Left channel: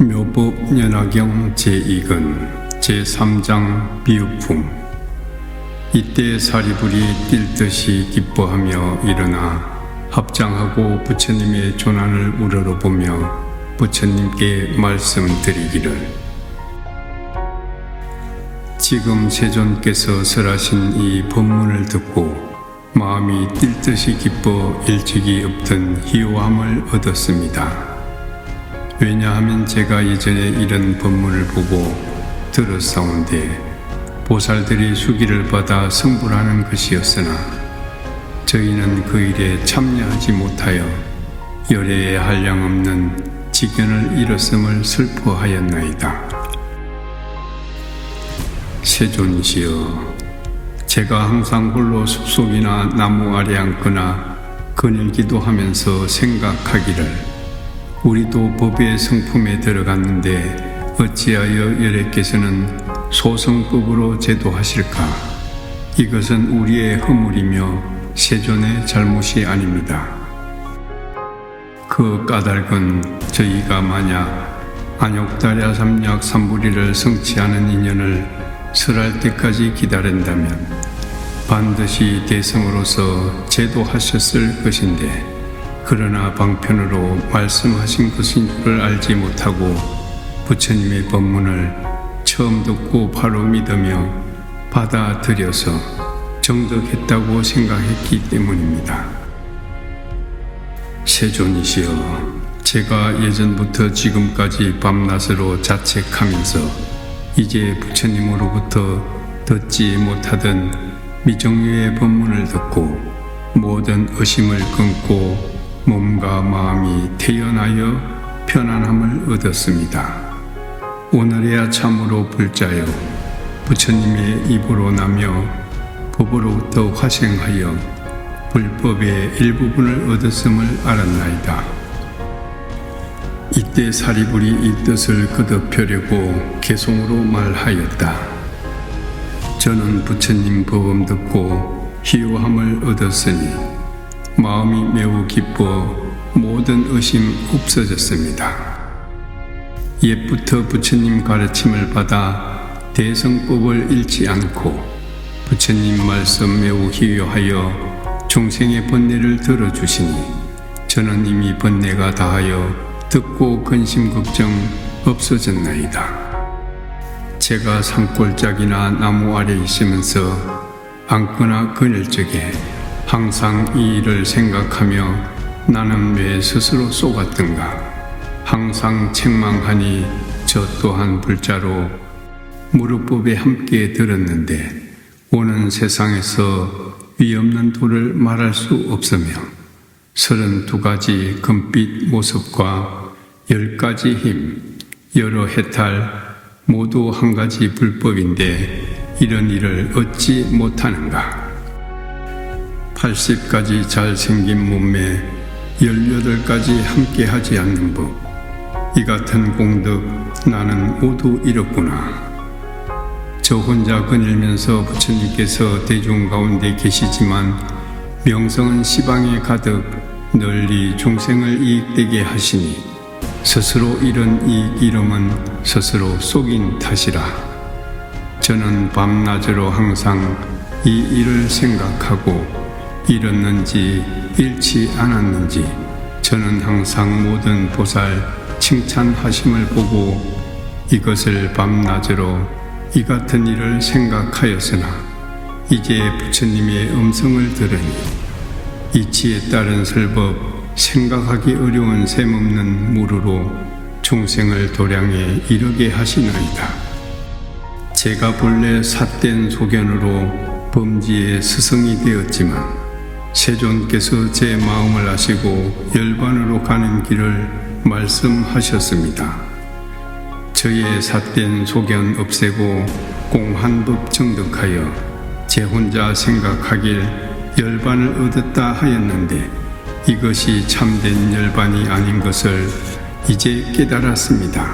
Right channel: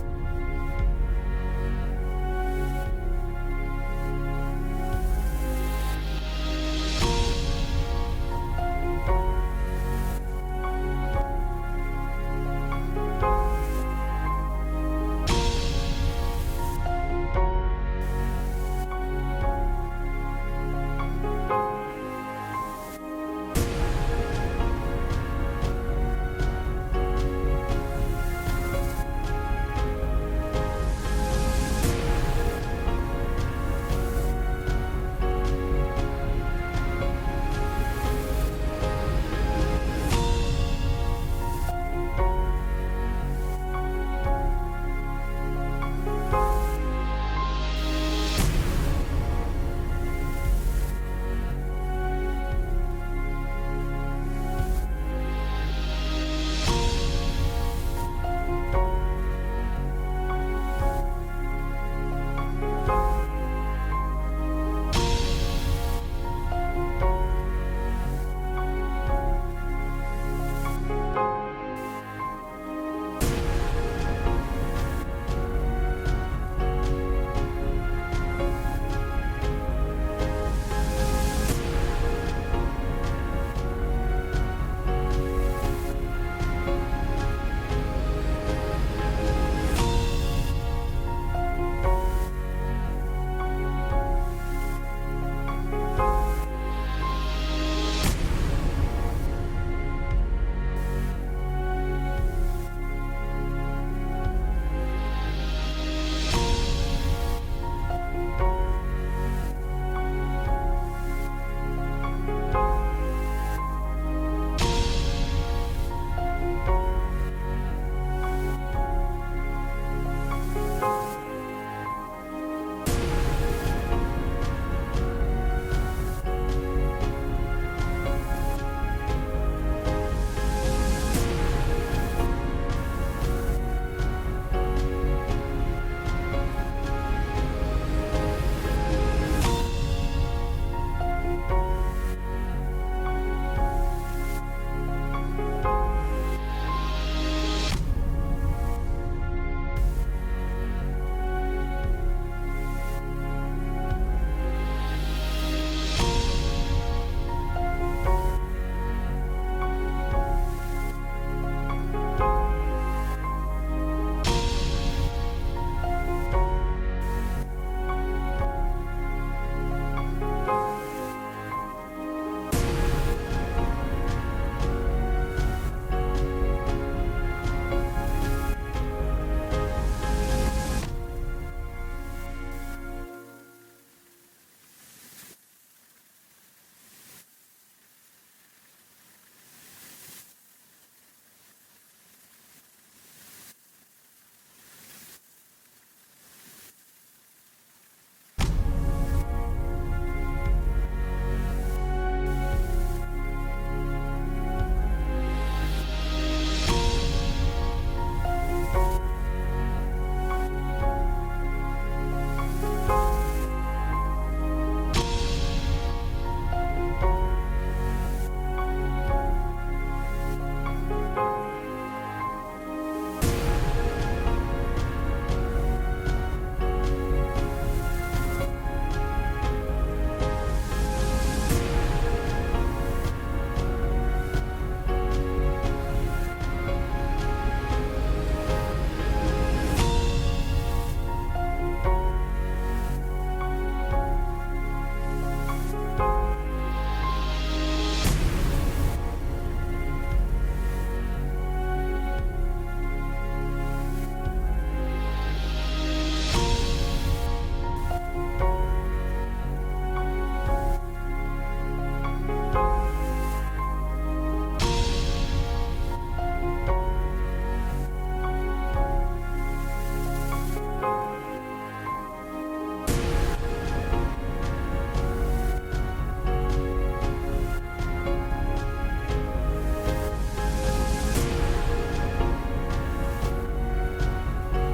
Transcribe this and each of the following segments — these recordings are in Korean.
묘법 연화경 제2권 제3장 비유품. 이때 사리불이 뛸 듯이 기뻐하며 일어나 합장하고 부처님의 조난을 우러러보며 부처님께 말씀드리기를, 지금 세존께서 설하신 이 법문을 듣고 마음이 뛸 듯이 기뻐 일찍이 없던 희호함을 얻었습니다. 왜냐하면 제가 예전에 이런 법문을 보고 들었사온데 보살들이 수기를 받아 성불하는 것이었으나 저희는 그 일에 참여하지 못하여 열애에 한량없는 직견을 잃었음을 슬퍼하였나이다. 세존이시여, 제가 항상 홀로 숲속이나 나무 아래 앉거나 그늘기도 하면서 생각하기를, 우리도 법의 성품에 들어갔는데 어찌하여 열애께서는 소승법으로 제도하실까? 이것은 우리의 허물이며 세존의 잘못이 아닙니다. 그 까닭은 저희가 만약 안욕달야 삼약 삼불이를 성취하는 인연을 설할 때까지 기다린다면 반드시 대성으로서 제도하셨을 것인데, 그러나 방편으로 말씀하신 것인 줄 알지 못하고 부처님의 법문을 처음 듣고 바로 믿으며 받아들여서 정득했다고 생각했기 때문입니다. 세존이시여, 제가 예전부터 지금까지 밤낮으로 자책하면서 이제 부처님으로부터 듣지 못하던 미정유의 법문을 듣고 모든 의심을 끊고 몸과 마음이 태연하여 편안함을 얻었습니다. 오늘에야 참으로 불자여 부처님의 입으로 나며 법으로부터 화생하여 불법의 일부분을 얻었음을 알았나이다. 이때 사리불이 이 뜻을 거듭하려고 개송으로 말하였다. 저는 부처님 법음 듣고 희호함을 얻었으니 마음이 매우 기뻐 모든 의심 없어졌습니다. 옛부터 부처님 가르침을 받아 대성법을 잃지 않고 부처님 말씀 매우 희유하여 중생의 번뇌를 들어주시니 저는 이미 번뇌가 다하여 듣고 근심 걱정 없어졌나이다. 제가 산골짜기나 나무 아래 있으면서 앉거나 그늘 적에 항상 이 일을 생각하며 나는 왜 스스로 쏘갔던가 항상 책망하니 저 또한 불자로 무릇법에 함께 들었는데 오는 세상에서 위없는 도를 말할 수 없으며 32가지 금빛 모습과 10가지 힘, 여러 해탈 모두 한 가지 불법인데 이런 일을 얻지 못하는가? 80가지 잘생긴 몸매 18가지 함께 하지 않는 법, 이 같은 공덕 나는 모두 잃었구나. 저 혼자 거닐면서 부처님께서 대중 가운데 계시지만 명성은 시방에 가득 널리 중생을 이익되게 하시니 스스로 잃은 이 이름은 스스로 속인 탓이라. 저는 밤낮으로 항상 이 일을 생각하고 잃었는지 잃지 않았는지 저는 항상 모든 보살 칭찬하심을 보고 이것을 밤낮으로 이 같은 일을 생각하였으나 이제 부처님의 음성을 들으니 이치에 따른 설법 생각하기 어려운 셈없는 무르로 중생을 도량에 이르게 하시나이다. 제가 본래 삿된 소견으로 범지의 스승이 되었지만 세존께서 제 마음을 아시고 열반으로 가는 길을 말씀하셨습니다. 저의 삿된 소견 없애고 공한법 정득하여 제 혼자 생각하길 열반을 얻었다 하였는데 이것이 참된 열반이 아닌 것을 이제 깨달았습니다.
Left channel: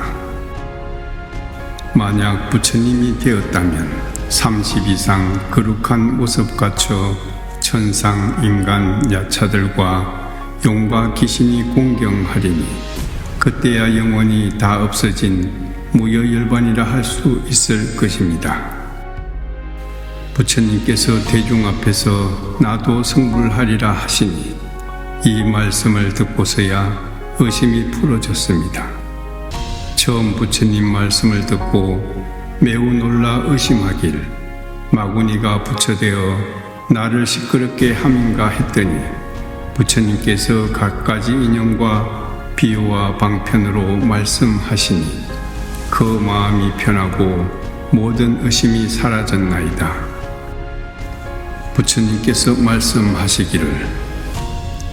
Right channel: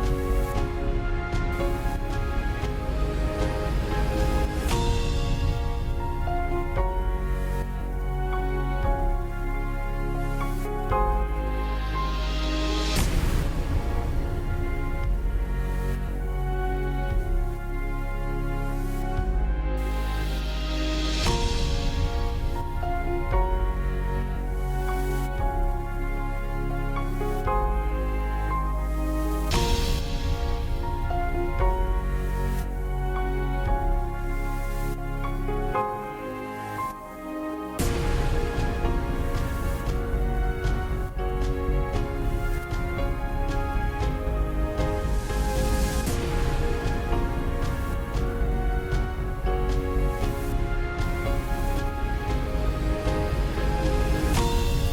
만약 부처님이 되었다면 30 이상 거룩한 모습 갖춰 천상 인간 야차들과 용과 귀신이 공경하리니 그때야 영원히 다 없어진 무여열반이라 할 수 있을 것입니다. 부처님께서 대중 앞에서 나도 성불하리라 하시니 이 말씀을 듣고서야 의심이 풀어졌습니다. 처음 부처님 말씀을 듣고 매우 놀라 의심하길 마구니가 부처되어 나를 시끄럽게 함인가 했더니 부처님께서 갖가지 인연과 비유와 방편으로 말씀하시니 그 마음이 편하고 모든 의심이 사라졌나이다. 부처님께서 말씀하시기를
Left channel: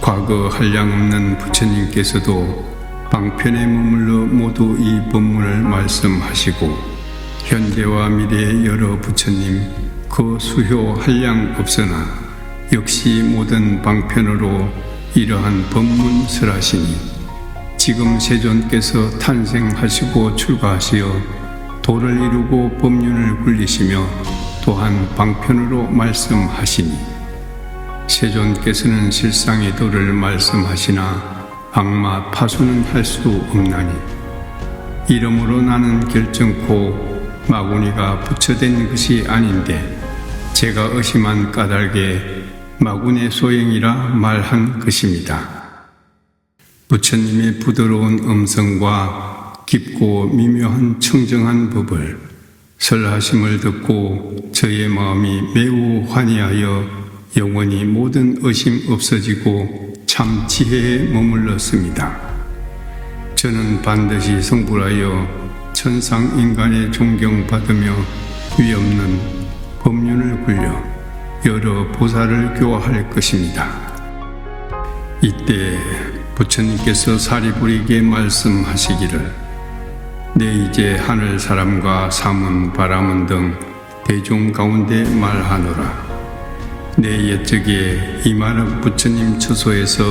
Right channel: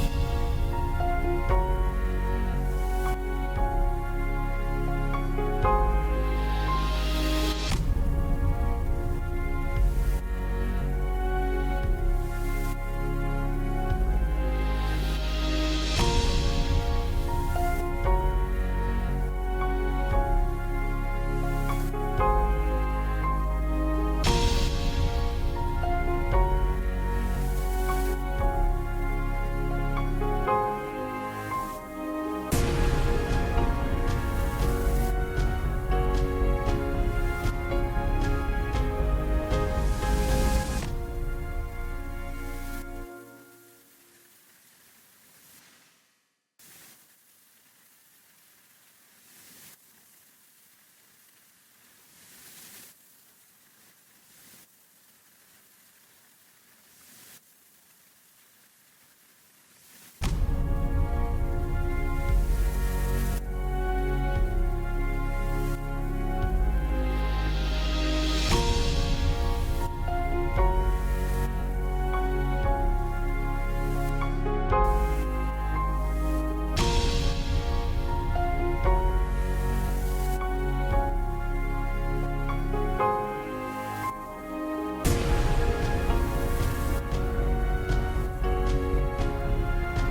과거 한량없는 부처님께서도 방편에 머물러 모두 이 법문을 말씀하시고 현대와 미래의 여러 부처님 그 수효 한량 없으나 역시 모든 방편으로 이러한 법문설하시니 지금 세존께서 탄생하시고 출가하시어 도를 이루고 법륜을 굴리시며 또한 방편으로 말씀하시니 세존께서는 실상의 도를 말씀하시나 악마 파수는 할 수 없나니 이러므로 나는 결정코 마구니가 부처된 것이 아닌데 제가 의심한 까닭에 마구니의 소행이라 말한 것입니다. 부처님의 부드러운 음성과 깊고 미묘한 청정한 법을 설하심을 듣고 저의 마음이 매우 환희하여 영원히 모든 의심 없어지고 참 지혜에 머물렀습니다. 저는 반드시 성불하여 천상 인간의 존경받으며 위없는 법륜을 굴려 여러 보살을 교화할 것입니다. 이때 부처님께서 사리부리에게 말씀하시기를 내 이제 하늘 사람과 사문 바라문 등 대중 가운데 말하노라. 내 옛적에 이마륵 부처님 처소에서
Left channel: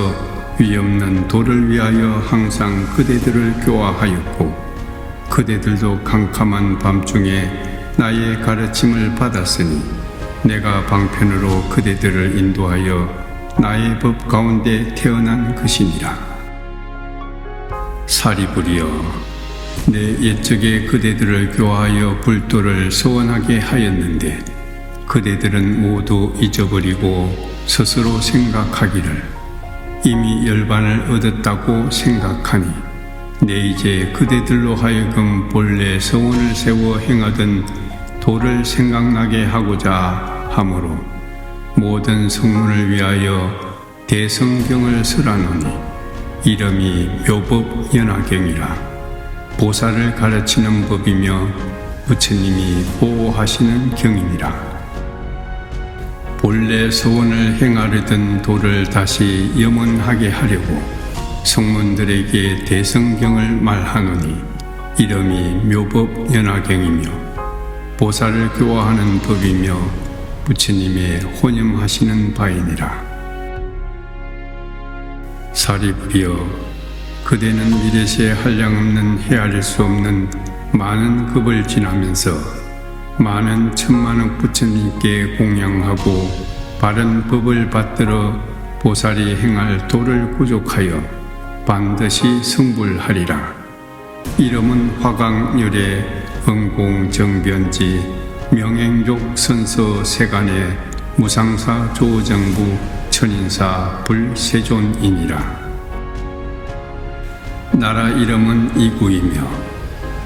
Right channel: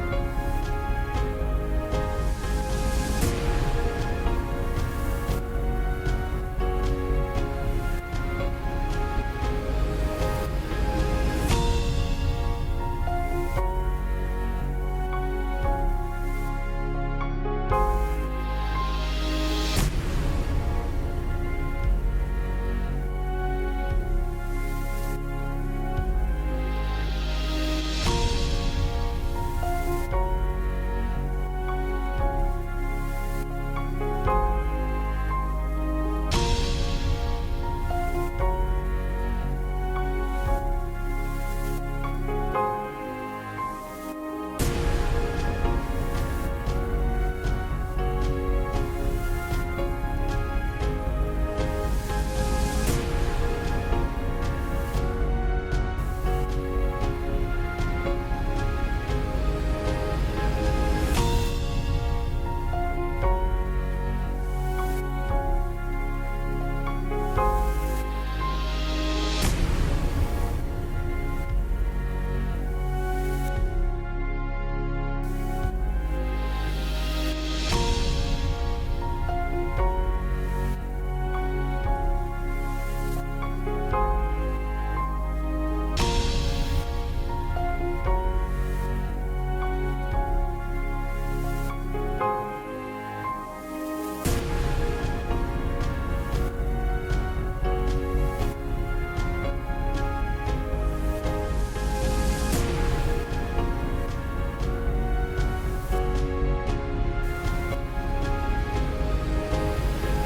위없는 도를 위하여 항상 그대들을 교화하였고 그대들도 캄캄한 밤중에 나의 가르침을 받았으니 내가 방편으로 그대들을 인도하여 나의 법 가운데 태어난 것이니라. 사리부리여, 내 옛적에 그대들을 교화하여 불도를 소원하게 하였는데 그대들은 모두 잊어버리고 스스로 생각하기를 이미 열반을 얻었다고 생각하니 내 이제 그대들로 하여금 본래 서원을 세워 행하던 도를 생각나게 하고자 하므로 모든 성문을 위하여 대성경을 설하노니 이름이 묘법연화경이라. 보살을 가르치는 법이며 부처님이 보호하시는 경이니라. 본래 서원을 행하려던 도를 다시 염원하게 하려고 성문들에게 대성경을 말하노니 이름이 묘법연화경이며 보살을 교화하는 법이며 부처님의 혼념하시는 바이니라. 사리부리여, 그대는 미래세 한량없는 헤아릴 수 없는 많은 급을 지나면서 많은 천만억 부처님께 공양하고 바른 법을 받들어 보살이 행할 도를 구족하여 반드시 성불하리라. 이름은 화강열의 응공정변지 명행족 선서 세간의 무상사 조정부 천인사 불세존이니라. 나라 이름은 이구이며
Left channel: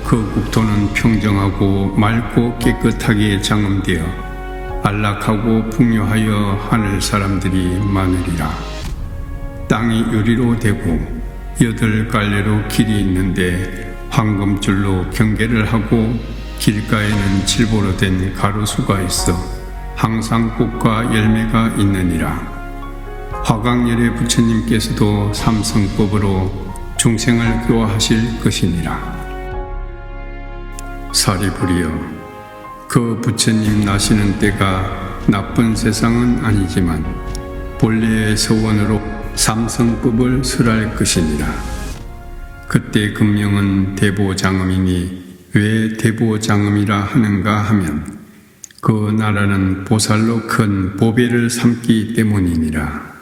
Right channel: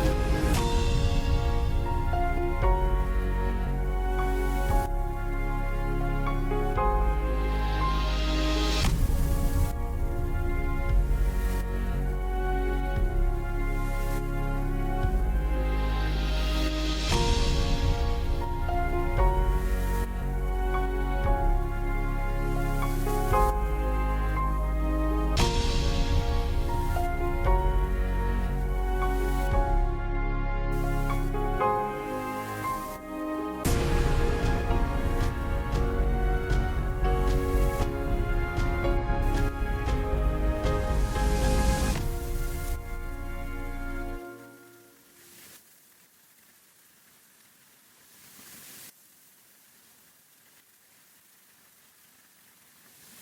그 국토는 평정하고 맑고 깨끗하게 장엄되어 안락하고 풍요하여 하늘 사람들이 많으리라. 땅이 유리로 되고 8갈래로 길이 있는데 황금줄로 경계를 하고 길가에는 칠보로 된 가로수가 있어 항상 꽃과 열매가 있느니라. 화강열의 부처님께서도 삼성법으로 중생을 교화하실 것이니라. 사리부리여, 그 부처님 나시는 때가 나쁜 세상은 아니지만 본래의 서원으로 삼성법을 설할 것이니라. 그때 금명은 대보장엄이니 왜 대보장엄이라 하는가 하면 그 나라는 보살로 큰 보배를 삼기 때문이니라.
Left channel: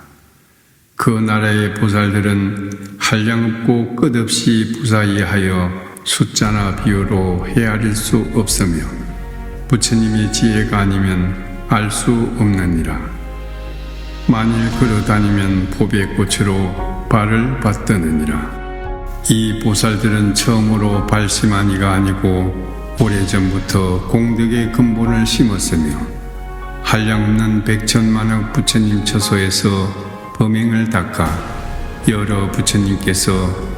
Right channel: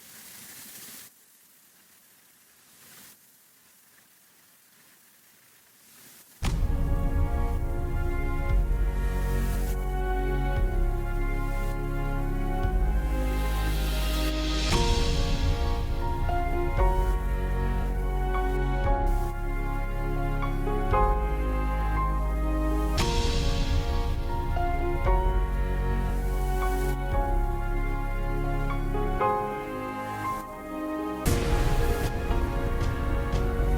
그 나라의 보살들은 한량없고 끝없이 부사이하여 숫자나 비유로 헤아릴 수 없으며 부처님의 지혜가 아니면 알 수 없느니라. 만일 걸어다니면 봅의 꽃으로 발을 받드느니라. 이 보살들은 처음으로 발심한 이가 아니고 오래전부터 공덕의 근본을 심었으며 한량없는 백천만억 부처님 처소에서 범행을 닦아 여러 부처님께서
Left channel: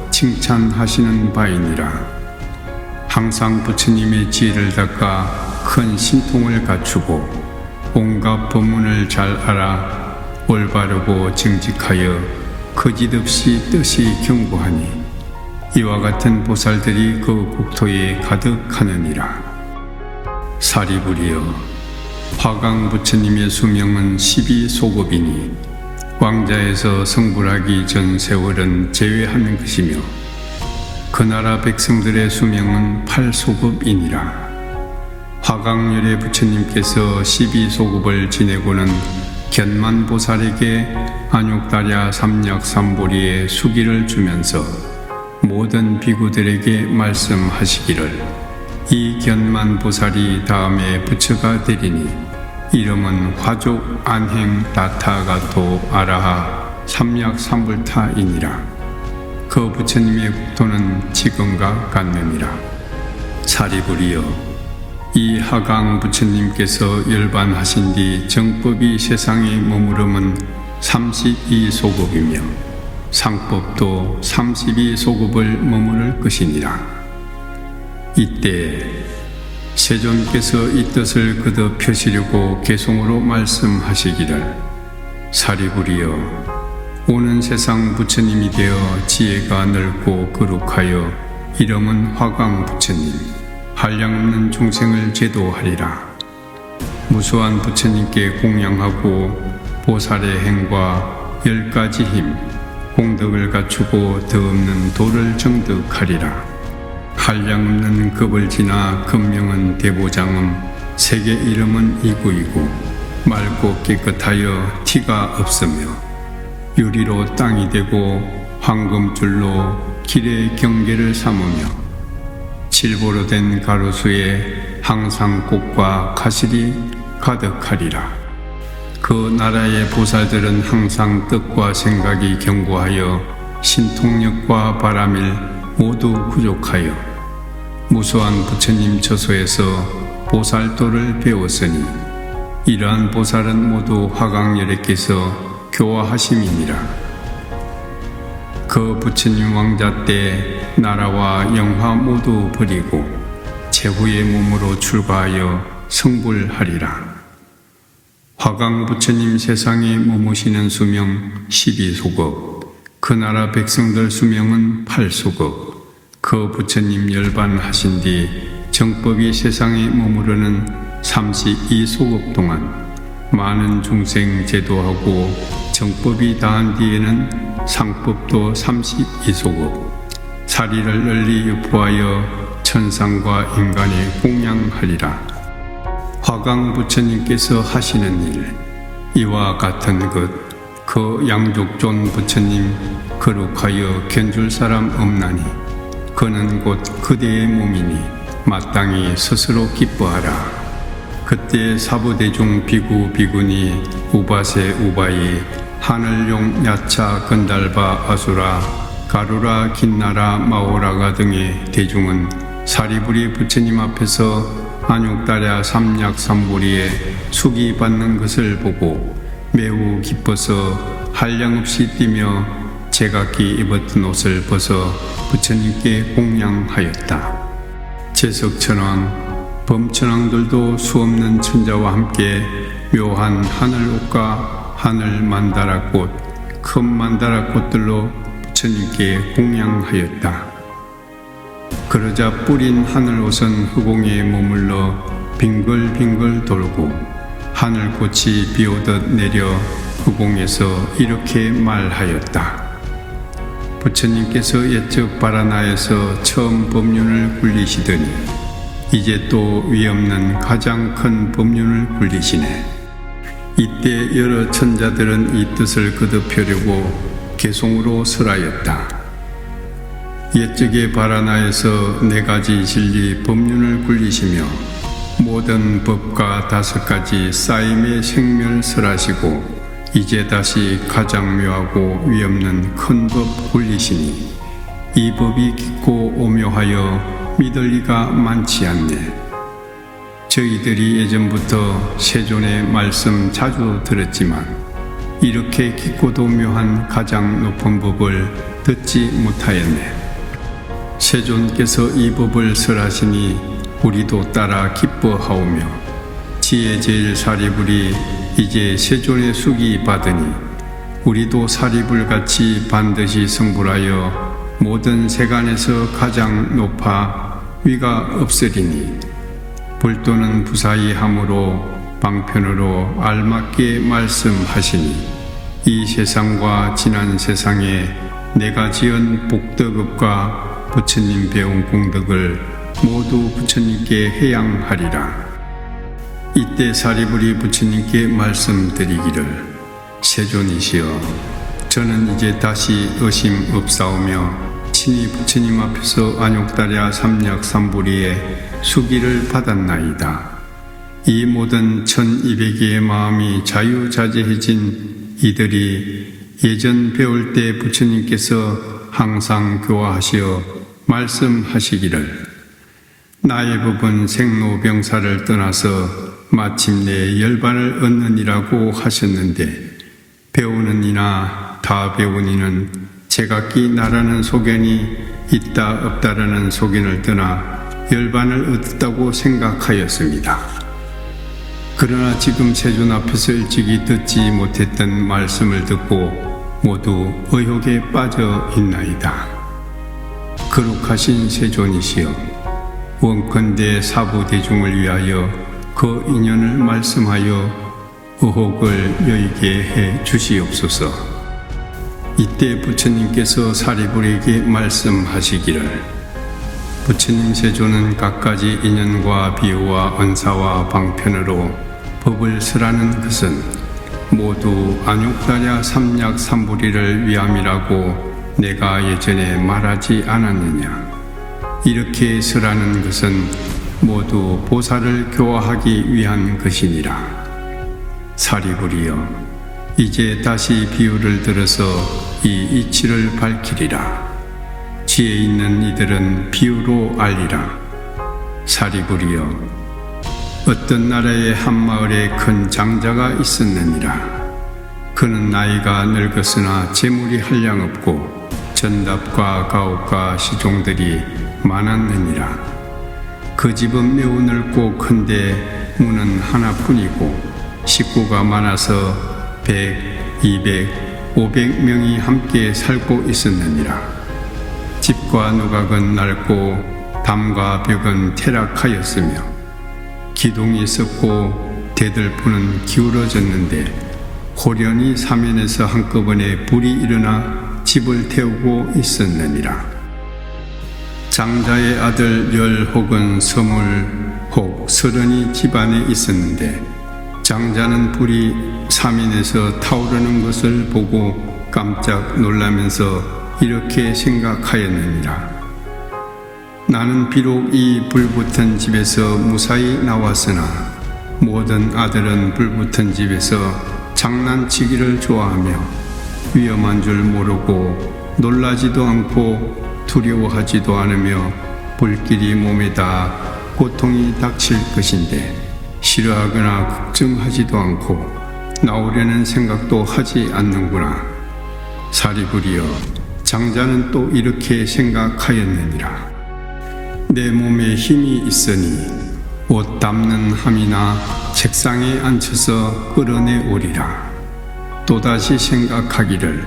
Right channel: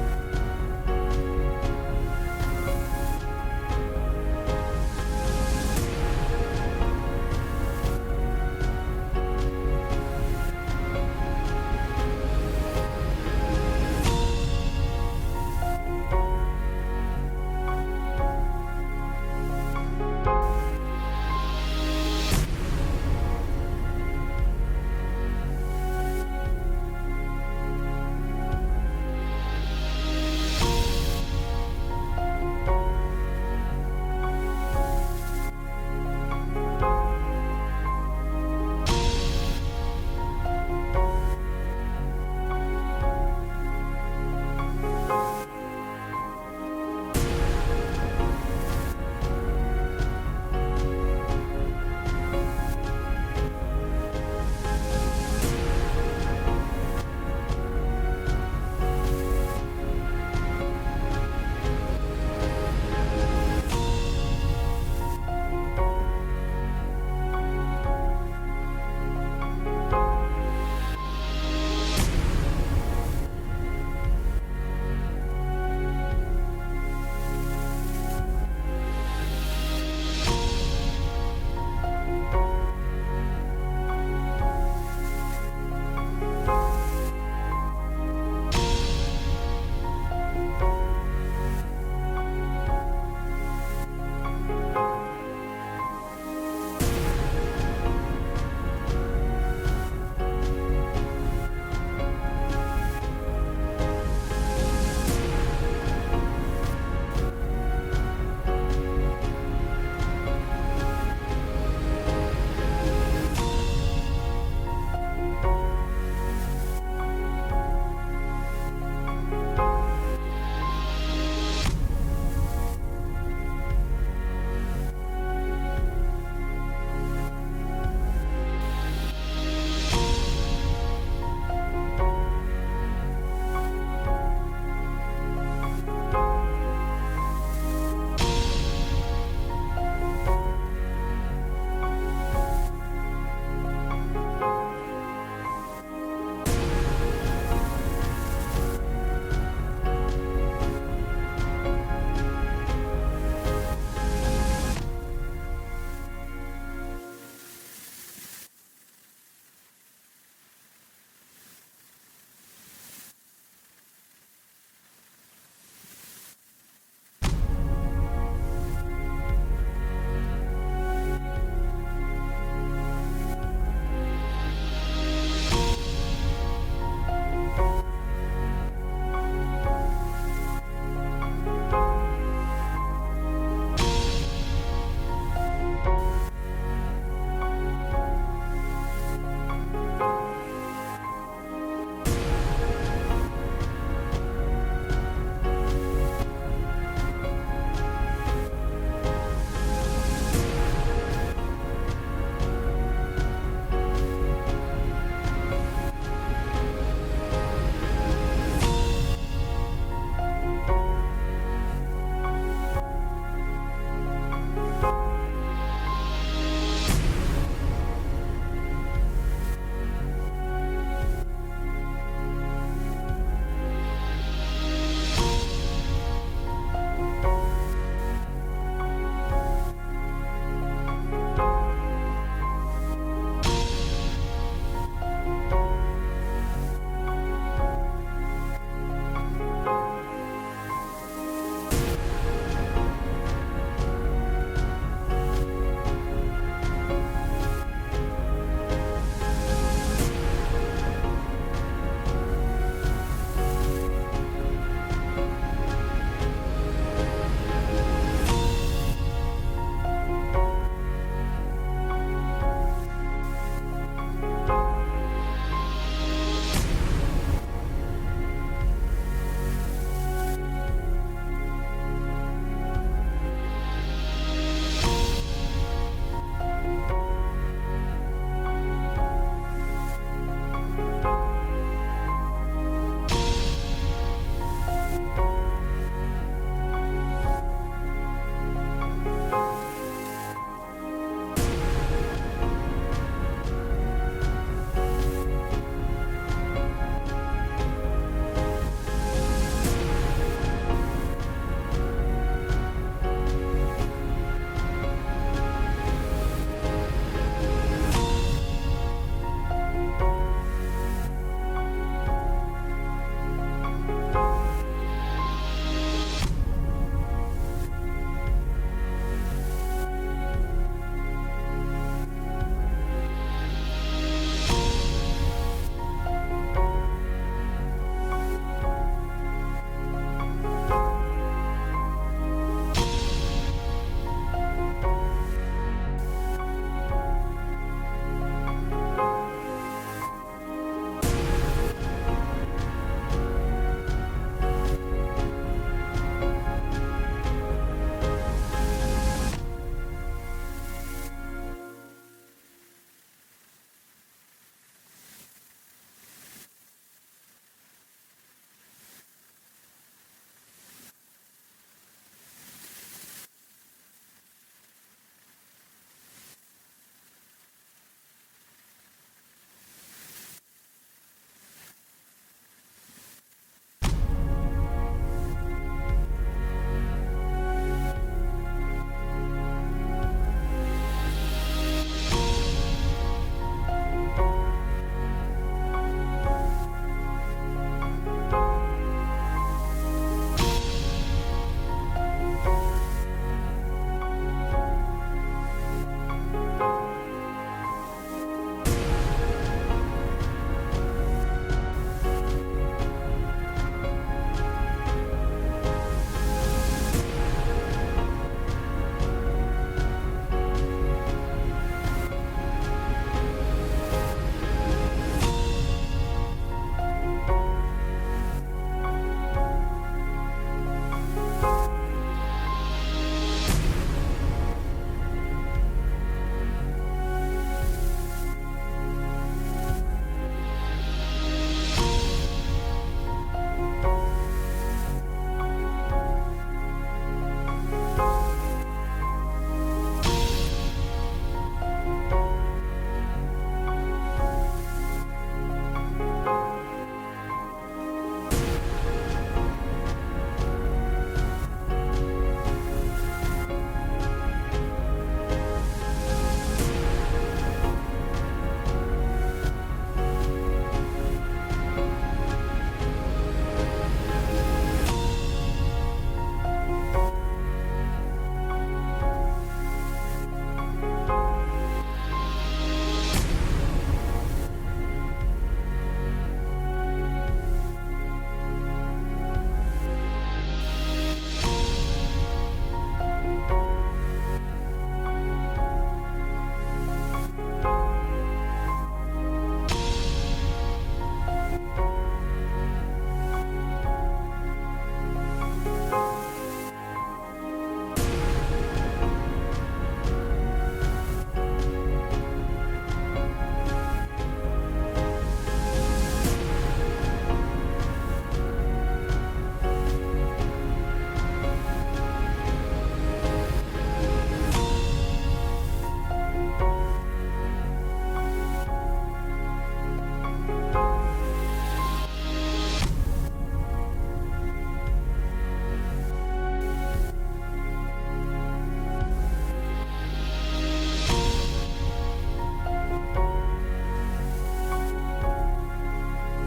칭찬하시는 바이니라. 항상 부처님의 지혜를 닦아 큰 신통을 갖추고 온갖 법문을 잘 알아 올바르고 정직하여 거짓없이 뜻이 견고하니 이와 같은 보살들이 그 국토에 가득하느니라. 사리부리여, 화강 부처님의 수명은 12소급이니 왕자에서 성불하기 전 세월은 제외하는 것이며 그 나라 백성들의 수명은 8소급이니라. 화강열의 부처님께서 12소급을 지내고는 견만보살에게 안욕다랴 삼약삼보리의 수기를 주면서 모든 비구들에게 말씀하시기를 이 견만보살이 다음에 부처가 되리니 이름은 화족 안행 다타가토 아라하 삼약삼불타이니라. 그 부처님의 국토는 지금과 같느니라. 사리부리여, 이 하강 부처님께서 열반하신 뒤 정법이 세상에 머무름은 32소급이며 상법도 32소급을 머무를 것이니라. 이때 세존께서 이 뜻을 거듭 펴시려고 개송으로 말씀하시기를 사리부리여, 오는 세상 부처님이 되어 지혜가 넓고 거룩하여 이름은 화강 부처님, 한량없는 종생을 제도하리라. 무수한 부처님께 공양하고 보살의 행과 10가지 힘, 공덕을 갖추고 더 없는 도를 정득하리라. 한량없는 급을 지나 금명은 대보장음, 세계 이름은 이구이고 맑고 깨끗하여 티가 없으며 유리로 땅이 되고 황금줄로 길의 경계를 삼으며 질보로 된 가로수에 항상 꽃과 가실이 가득하리라. 그 나라의 보살들은 항상 뜻과 생각이 견고하여 신통력과 바람일 모두 부족하여 무수한 부처님 처소에서 보살도를 배웠으니 이러한 보살은 모두 화강열애께서 교화하심이니라. 그 부처님 왕자 때 나라와 영화 모두 버리고 제후의 몸으로 출가하여 성불하리라. 화강 부처님 세상에 머무시는 수명 12소급, 그 나라 백성들 수명은 8소급. 그 부처님 열반하신 뒤 정법이 세상에 머무르는 32소급 동안 많은 중생 제도하고 정법이 다한 뒤에는 상법도 32소급, 사리를 널리 유포하여 천상과 인간에 공양하리라. 화강 부처님께서 하시는 일, 이와 같은 것, 그 양족존 부처님 거룩하여 견줄 사람 없나니 그는 곧 그대의 몸이니 마땅히 스스로 기뻐하라. 그때 사부대중 비구 비구니 우바세 우바이 하늘용 야차 건달바 아수라 가루라 긴나라 마오라가 등의 대중은 사리부리 부처님 앞에서 안욕다랴 삼약삼보리에 수기 받는 것을 보고 매우 기뻐서 한량없이 뛰며 제각기 입었던 옷을 벗어 부처님께 공양하였다. 제석천왕, 범천왕들도 수없는 천자와 함께 묘한 하늘옷과 하늘 만다라꽃, 큰 만다라꽃들로 부처님께 공양하였다. 그러자 뿌린 하늘옷은 후공에 머물러 빙글빙글 돌고 하늘꽃이 비오듯 내려 후공에서 이렇게 말하였다. 부처님께서 옛적 바라나에서 처음 법륜을 굴리시더니 이제 또 위없는 가장 큰 법륜을 굴리시네. 이때 여러 천자들은 이 뜻을 거듭하려고 개송으로 설하였다. 옛적에 바라나에서 4가지 진리 법륜을 굴리시며 모든 법과 5가지 쌓임의 생멸 설하시고 이제 다시 가장 묘하고 위없는 큰 법 굴리시니 이 법이 깊고 오묘하여 믿을 리가 많지 않네. 저희들이 예전부터 세존의 말씀 자주 들었지만 이렇게 깊고도 묘한 가장 높은 법을 듣지 못하였네. 세존께서 이 법을 설하시니 우리도 따라 기뻐하오며 지혜 제일 사리불이 이제 세존의 수기 받으니 우리도 사리불같이 반드시 성불하여 모든 세간에서 가장 높아 위가 없으리니 불도는 부사히 함으로 방편으로 알맞게 말씀하시니 이 세상과 지난 세상에 내가 지은 복덕업과 부처님 배운 공덕을 모두 부처님께 해양하리라. 이때 사리불이 부처님께 말씀드리기를 세존이시여 저는 이제 다시 의심 없사오며 친히 부처님 앞에서 안욕다랴 삼약삼부리의 수기를 받았나이다. 이 모든 1200개의 마음이 자유자재해진 이들이 예전 배울 때 부처님께서 항상 교화하시어 말씀하시기를 나의 법은 생로병사를 떠나서 마침내 열반을 얻느니라고 하셨는데 배우는 이나 다 배운 이는 제각기 나라는 소견이 있다 없다라는 소견을 떠나 열반을 얻었다고 생각하였습니다. 그러나 지금 세존 앞에서 일찍이 듣지 못했던 말씀을 듣고 모두 의혹에 빠져 있나이다. 거룩하신 세존이시여 원컨대 사부대중을 위하여 그 인연을 말씀하여 의혹을 여의게 해 주시옵소서. 이때 부처님께서 사리불에게 말씀하시기를 부처님 세존은 갖가지 인연과 비유와 언사와 방편으로 법을 설하는 것은 모두 안욕다랴 삼약삼부리를 위함이라고 내가 예전에 말하지 않았느냐. 이렇게 설하는 것은 모두 보살을 교화하기 위한 것이니라. 사리불이여 이제 다시 비유를 들어서 이 이치를 밝히리라. 지혜 있는 이들은 비유로 알리라. 사리불이여 어떤 나라의 한 마을에 큰 장자가 있었느니라. 그는 나이가 늙었으나 재물이 한량없고 전답과 가옥과 시종들이 많았느니라. 그 집은 매우 넓고 큰데 문은 하나뿐이고 식구가 많아서 100, 200, 500명이 함께 살고 있었느니라. 집과 누각은 낡고 담과 벽은 퇴락하였으며 기둥이 있었고 대들보는 기울어졌는데 고련히 사면에서 한꺼번에 불이 일어나 집을 태우고 있었느니라. 장자의 아들 10 혹은 서물 혹 30이 집안에 있었는데 장자는 불이 사면에서 타오르는 것을 보고 깜짝 놀라면서 이렇게 생각하였느니라. 나는 비록 이 불붙은 집에서 무사히 나왔으나 모든 아들은 불붙은 집에서 장난치기를 좋아하며 위험한 줄 모르고 놀라지도 않고 두려워하지도 않으며 불길이 몸에다 고통이 닥칠 것인데 싫어하거나 걱정하지도 않고 나오려는 생각도 하지 않는구나. 사리불이여 장자는 또 이렇게 생각하였느니라. 내 몸에 힘이 있으니 옷 닦는 함이나 책상에 앉혀서 끌어내오리라. 또다시 생각하기를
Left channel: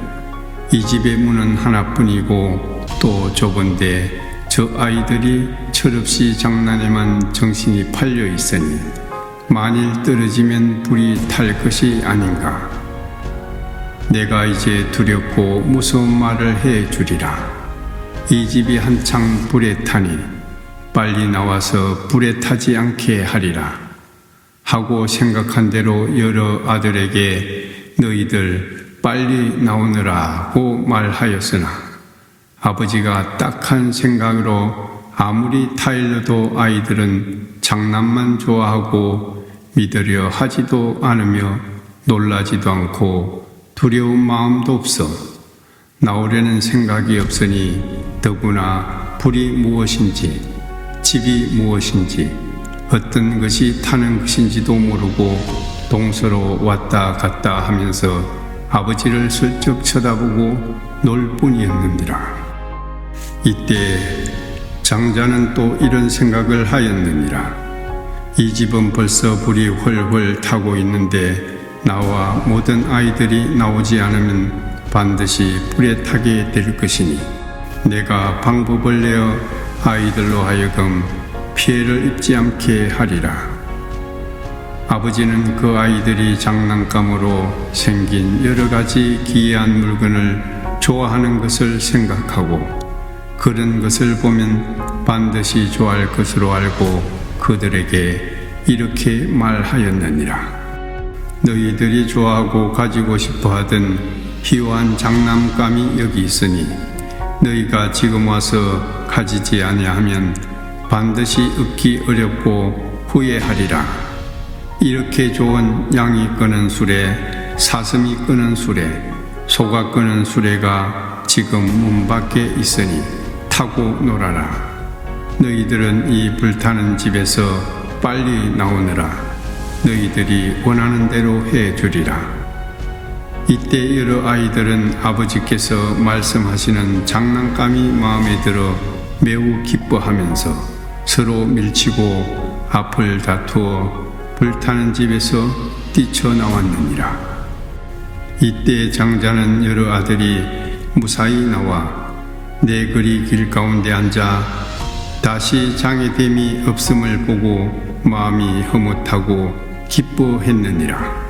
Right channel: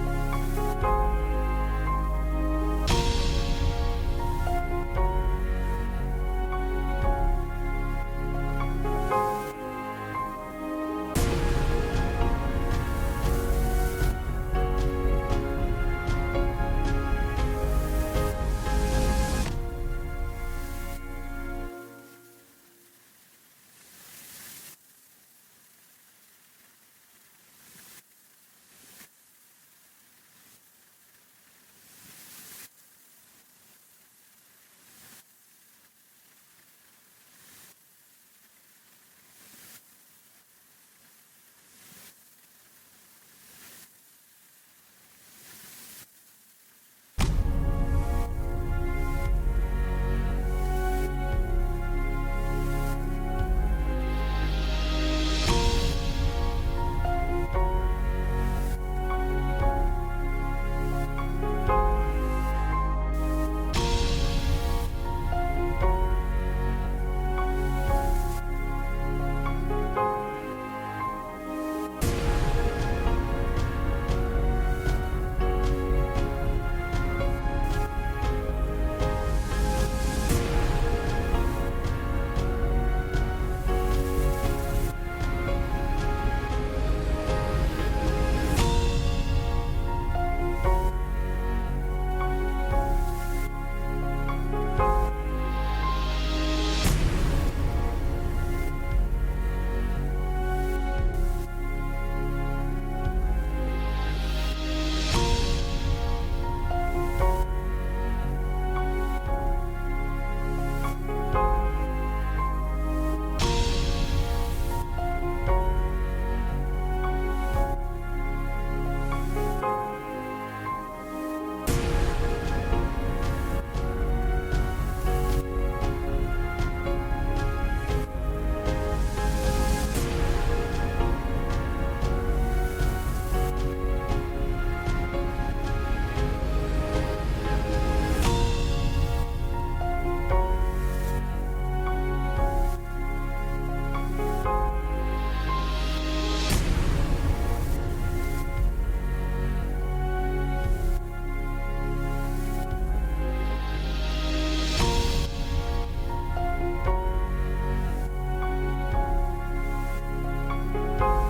이 집의 문은 하나뿐이고 또 좁은데 저 아이들이 철없이 장난에만 정신이 팔려 있으니 만일 떨어지면 불이 탈 것이 아닌가. 내가 이제 두렵고 무서운 말을 해 주리라. 이 집이 한창 불에 타니 빨리 나와서 불에 타지 않게 하리라 하고 생각한 대로 여러 아들에게 너희들 빨리 나오느라고 말하였으나 아버지가 딱한 생각으로 아무리 타일러도 아이들은 장난만 좋아하고 믿으려 하지도 않으며 놀라지도 않고 두려운 마음도 없어 나오려는 생각이 없으니 더구나 불이 무엇인지 집이 무엇인지 어떤 것이 타는 것인지도 모르고 동서로 왔다 갔다 하면서 아버지를 슬쩍 쳐다보고 놀 뿐이었느니라. 이때 장자는 또 이런 생각을 하였느니라. 이 집은 벌써 불이 훨훨 타고 있는데 나와 모든 아이들이 나오지 않으면 반드시 불에 타게 될 것이니 내가 방법을 내어 아이들로 하여금 피해를 입지 않게 하리라. 아버지는 그 아이들이 장난감으로 생긴 여러 가지 기이한 물건을 좋아하는 것을 생각하고 그런 것을 보면 반드시 좋아할 것으로 알고 그들에게 이렇게 말하였느니라. 너희들이 좋아하고 가지고 싶어 하던 희화한 장난감이 여기 있으니 너희가 지금 와서 가지지 아니하면 반드시 얻기 어렵고 후회하리라. 이렇게 좋은 양이 끄는 수레, 사슴이 끄는 수레, 소가 끄는 수레가 지금 문 밖에 있으니 타고 놀아라. 너희들은 이 불타는 집에서 빨리 나오느라 너희들이 원하는 대로 해주리라. 이때 여러 아이들은 아버지께서 말씀하시는 장난감이 마음에 들어 매우 기뻐하면서 서로 밀치고 앞을 다투어 불타는 집에서 뛰쳐나왔느니라. 이때 장자는 여러 아들이 무사히 나와 내 거리 길 가운데 앉아 다시 장애됨이 없음을 보고 마음이 흐뭇하고 기뻐했느니라.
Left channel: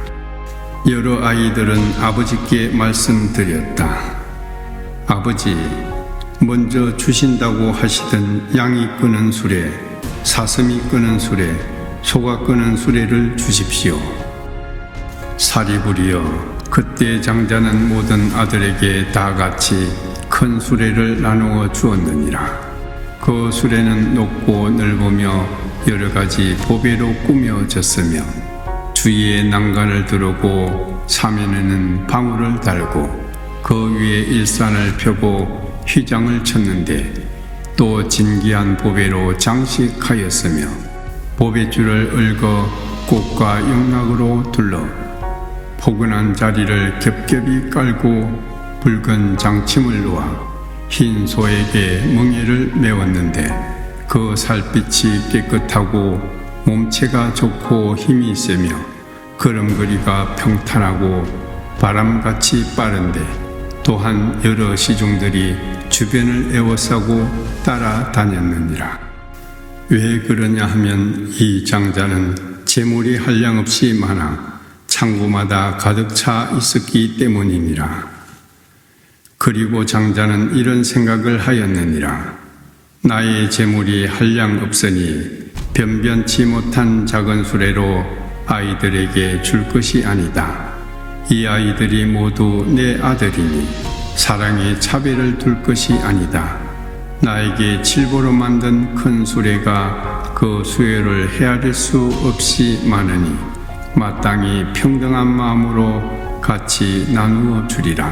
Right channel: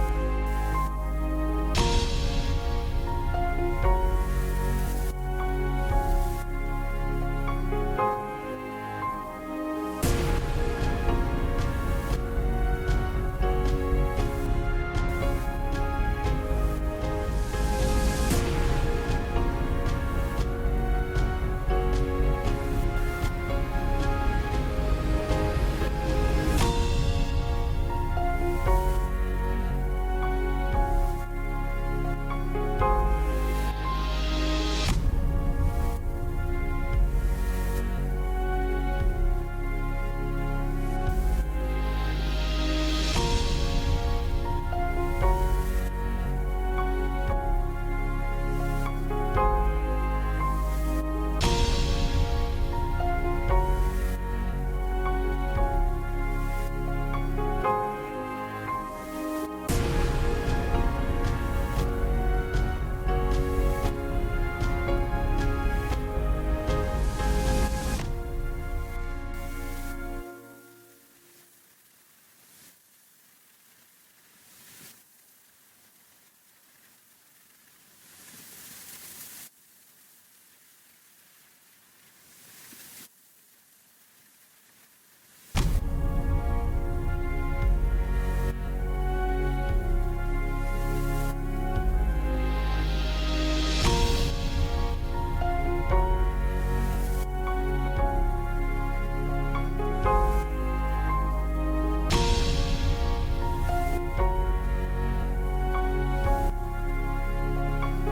여러 아이들은 아버지께 말씀드렸다. 아버지, 먼저 주신다고 하시던 양이 끄는 수레, 사슴이 끄는 수레, 소가 끄는 수레를 주십시오. 사리부리여, 그때 장자는 모든 아들에게 다 같이 큰 수레를 나누어 주었느니라. 그 수레는 높고 넓으며 여러 가지 보배로 꾸며졌으며 주위에 난간을 두르고 사면에는 방울을 달고 그 위에 일산을 펴고 휘장을 쳤는데 또 진귀한 보배로 장식하였으며 보배줄을 얽어 꽃과 영락으로 둘러 포근한 자리를 겹겹이 깔고 붉은 장침을 놓아 흰 소에게 멍에를 메웠는데 그 살빛이 깨끗하고 몸체가 좋고 힘이 세며 걸음걸이가 평탄하고 바람같이 빠른데 또한 여러 시종들이 주변을 에워싸고 따라다녔느니라. 왜 그러냐 하면 이 장자는 재물이 한량없이 많아 창고마다 가득 차 있었기 때문이니라. 그리고 장자는 이런 생각을 하였느니라. 나의 재물이 한량 없으니 변변치 못한 작은 수레로 아이들에게 줄 것이 아니다. 이 아이들이 모두 내 아들이니 사랑의 차별을 둘 것이 아니다. 나에게 칠보로 만든 큰 수레가 그 수요를 헤아릴 수 없이 많으니 마땅히 평등한 마음으로 같이 나누어 주리라.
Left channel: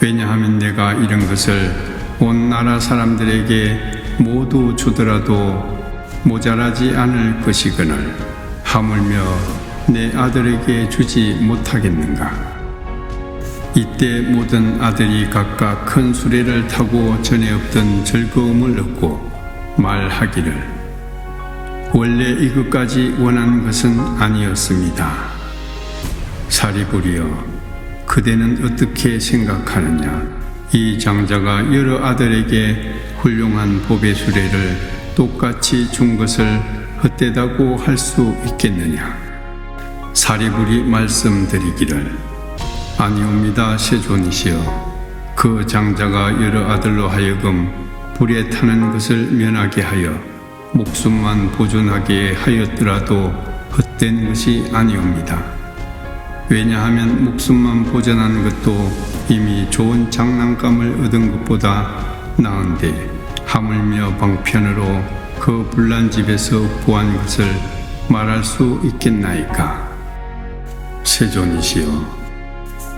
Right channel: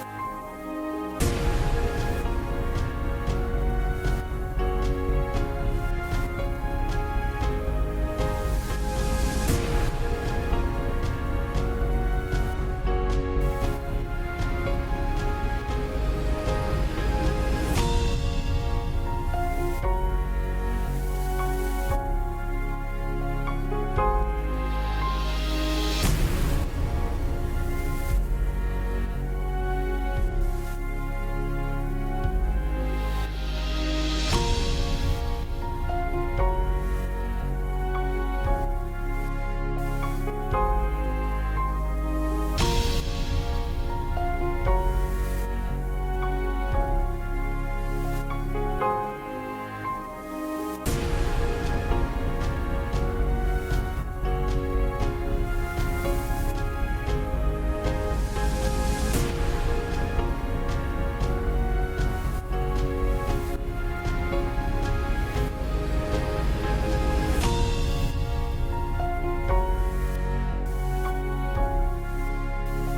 왜냐하면 내가 이런 것을 온 나라 사람들에게 모두 주더라도 모자라지 않을 것이거늘 하물며 내 아들에게 주지 못하겠는가. 이때 모든 아들이 각각 큰 수레를 타고 전에 없던 즐거움을 얻고 말하기를 원래 이것까지 원하는 것은 아니었습니다. 사리부리여, 그대는 어떻게 생각하느냐? 이 장자가 여러 아들에게 훌륭한 보배 수레를 똑같이 준 것을 헛되다고 할 수 있겠느냐? 사리불이 말씀드리기를 아니옵니다. 세존이시여, 그 장자가 여러 아들로 하여금 불에 타는 것을 면하게 하여 목숨만 보존하게 하였더라도 헛된 것이 아니옵니다. 왜냐하면 목숨만 보존하는 것도 이미 좋은 장난감을 얻은 것보다 나은데 하물며 방편으로 그 불난 집에서 구한 것을 말할 수 있겠나이까. 세존이시여,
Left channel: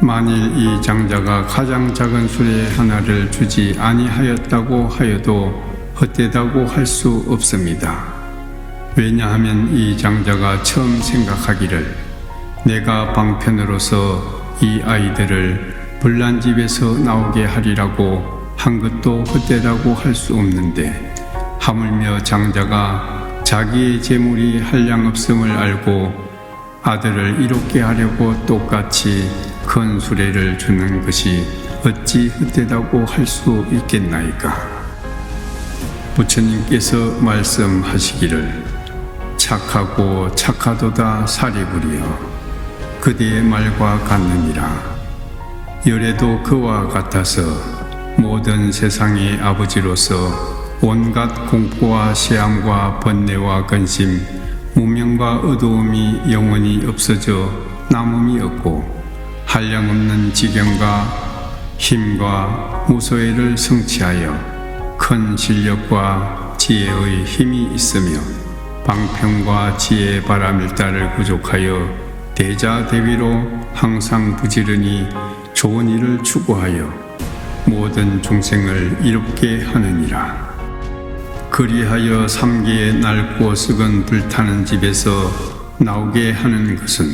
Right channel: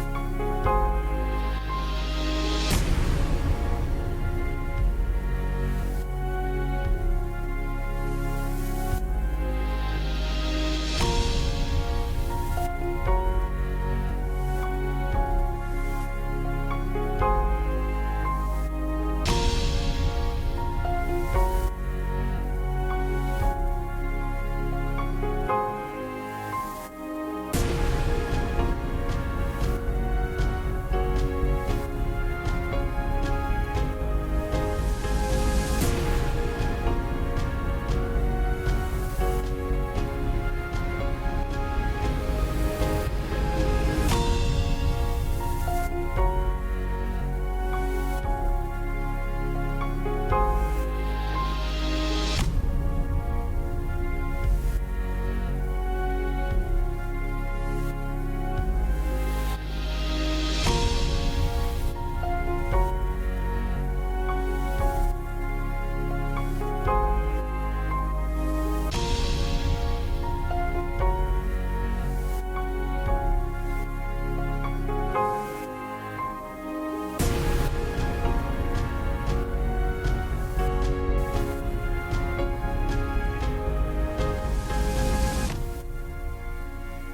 만일 이 장자가 가장 작은 수레 하나를 주지 아니하였다고 하여도 헛되다고 할 수 없습니다. 왜냐하면 이 장자가 처음 생각하기를 내가 방편으로서 이 아이들을 불난 집에서 나오게 하리라고 한 것도 헛되다고 할 수 없는데, 하물며 장자가 자기의 재물이 한량없음을 알고 아들을 이롭게 하려고 똑같이 큰 수레를 주는 것이 어찌 헛되다고 할 수 있겠나이까. 부처님께서 말씀하시기를 착하고 착하도다 사리부리여, 그대의 말과 같느니라. 열애도 그와 같아서 모든 세상의 아버지로서 온갖 공포와 시험과 번뇌와 근심, 무명과 어두움이 영원히 없어져 남음이 없고 한량없는 지경과 힘과 무소회를 성취하여 큰 실력과 지혜의 힘이 있으며 방편과 지혜의 바람일다를 구족하여 대자대비로 항상 부지런히 좋은 일을 추구하여 모든 중생을 이롭게 하느니라. 그리하여 삼계의 낡고 썩은 불타는 집에서 나오게 하는 것은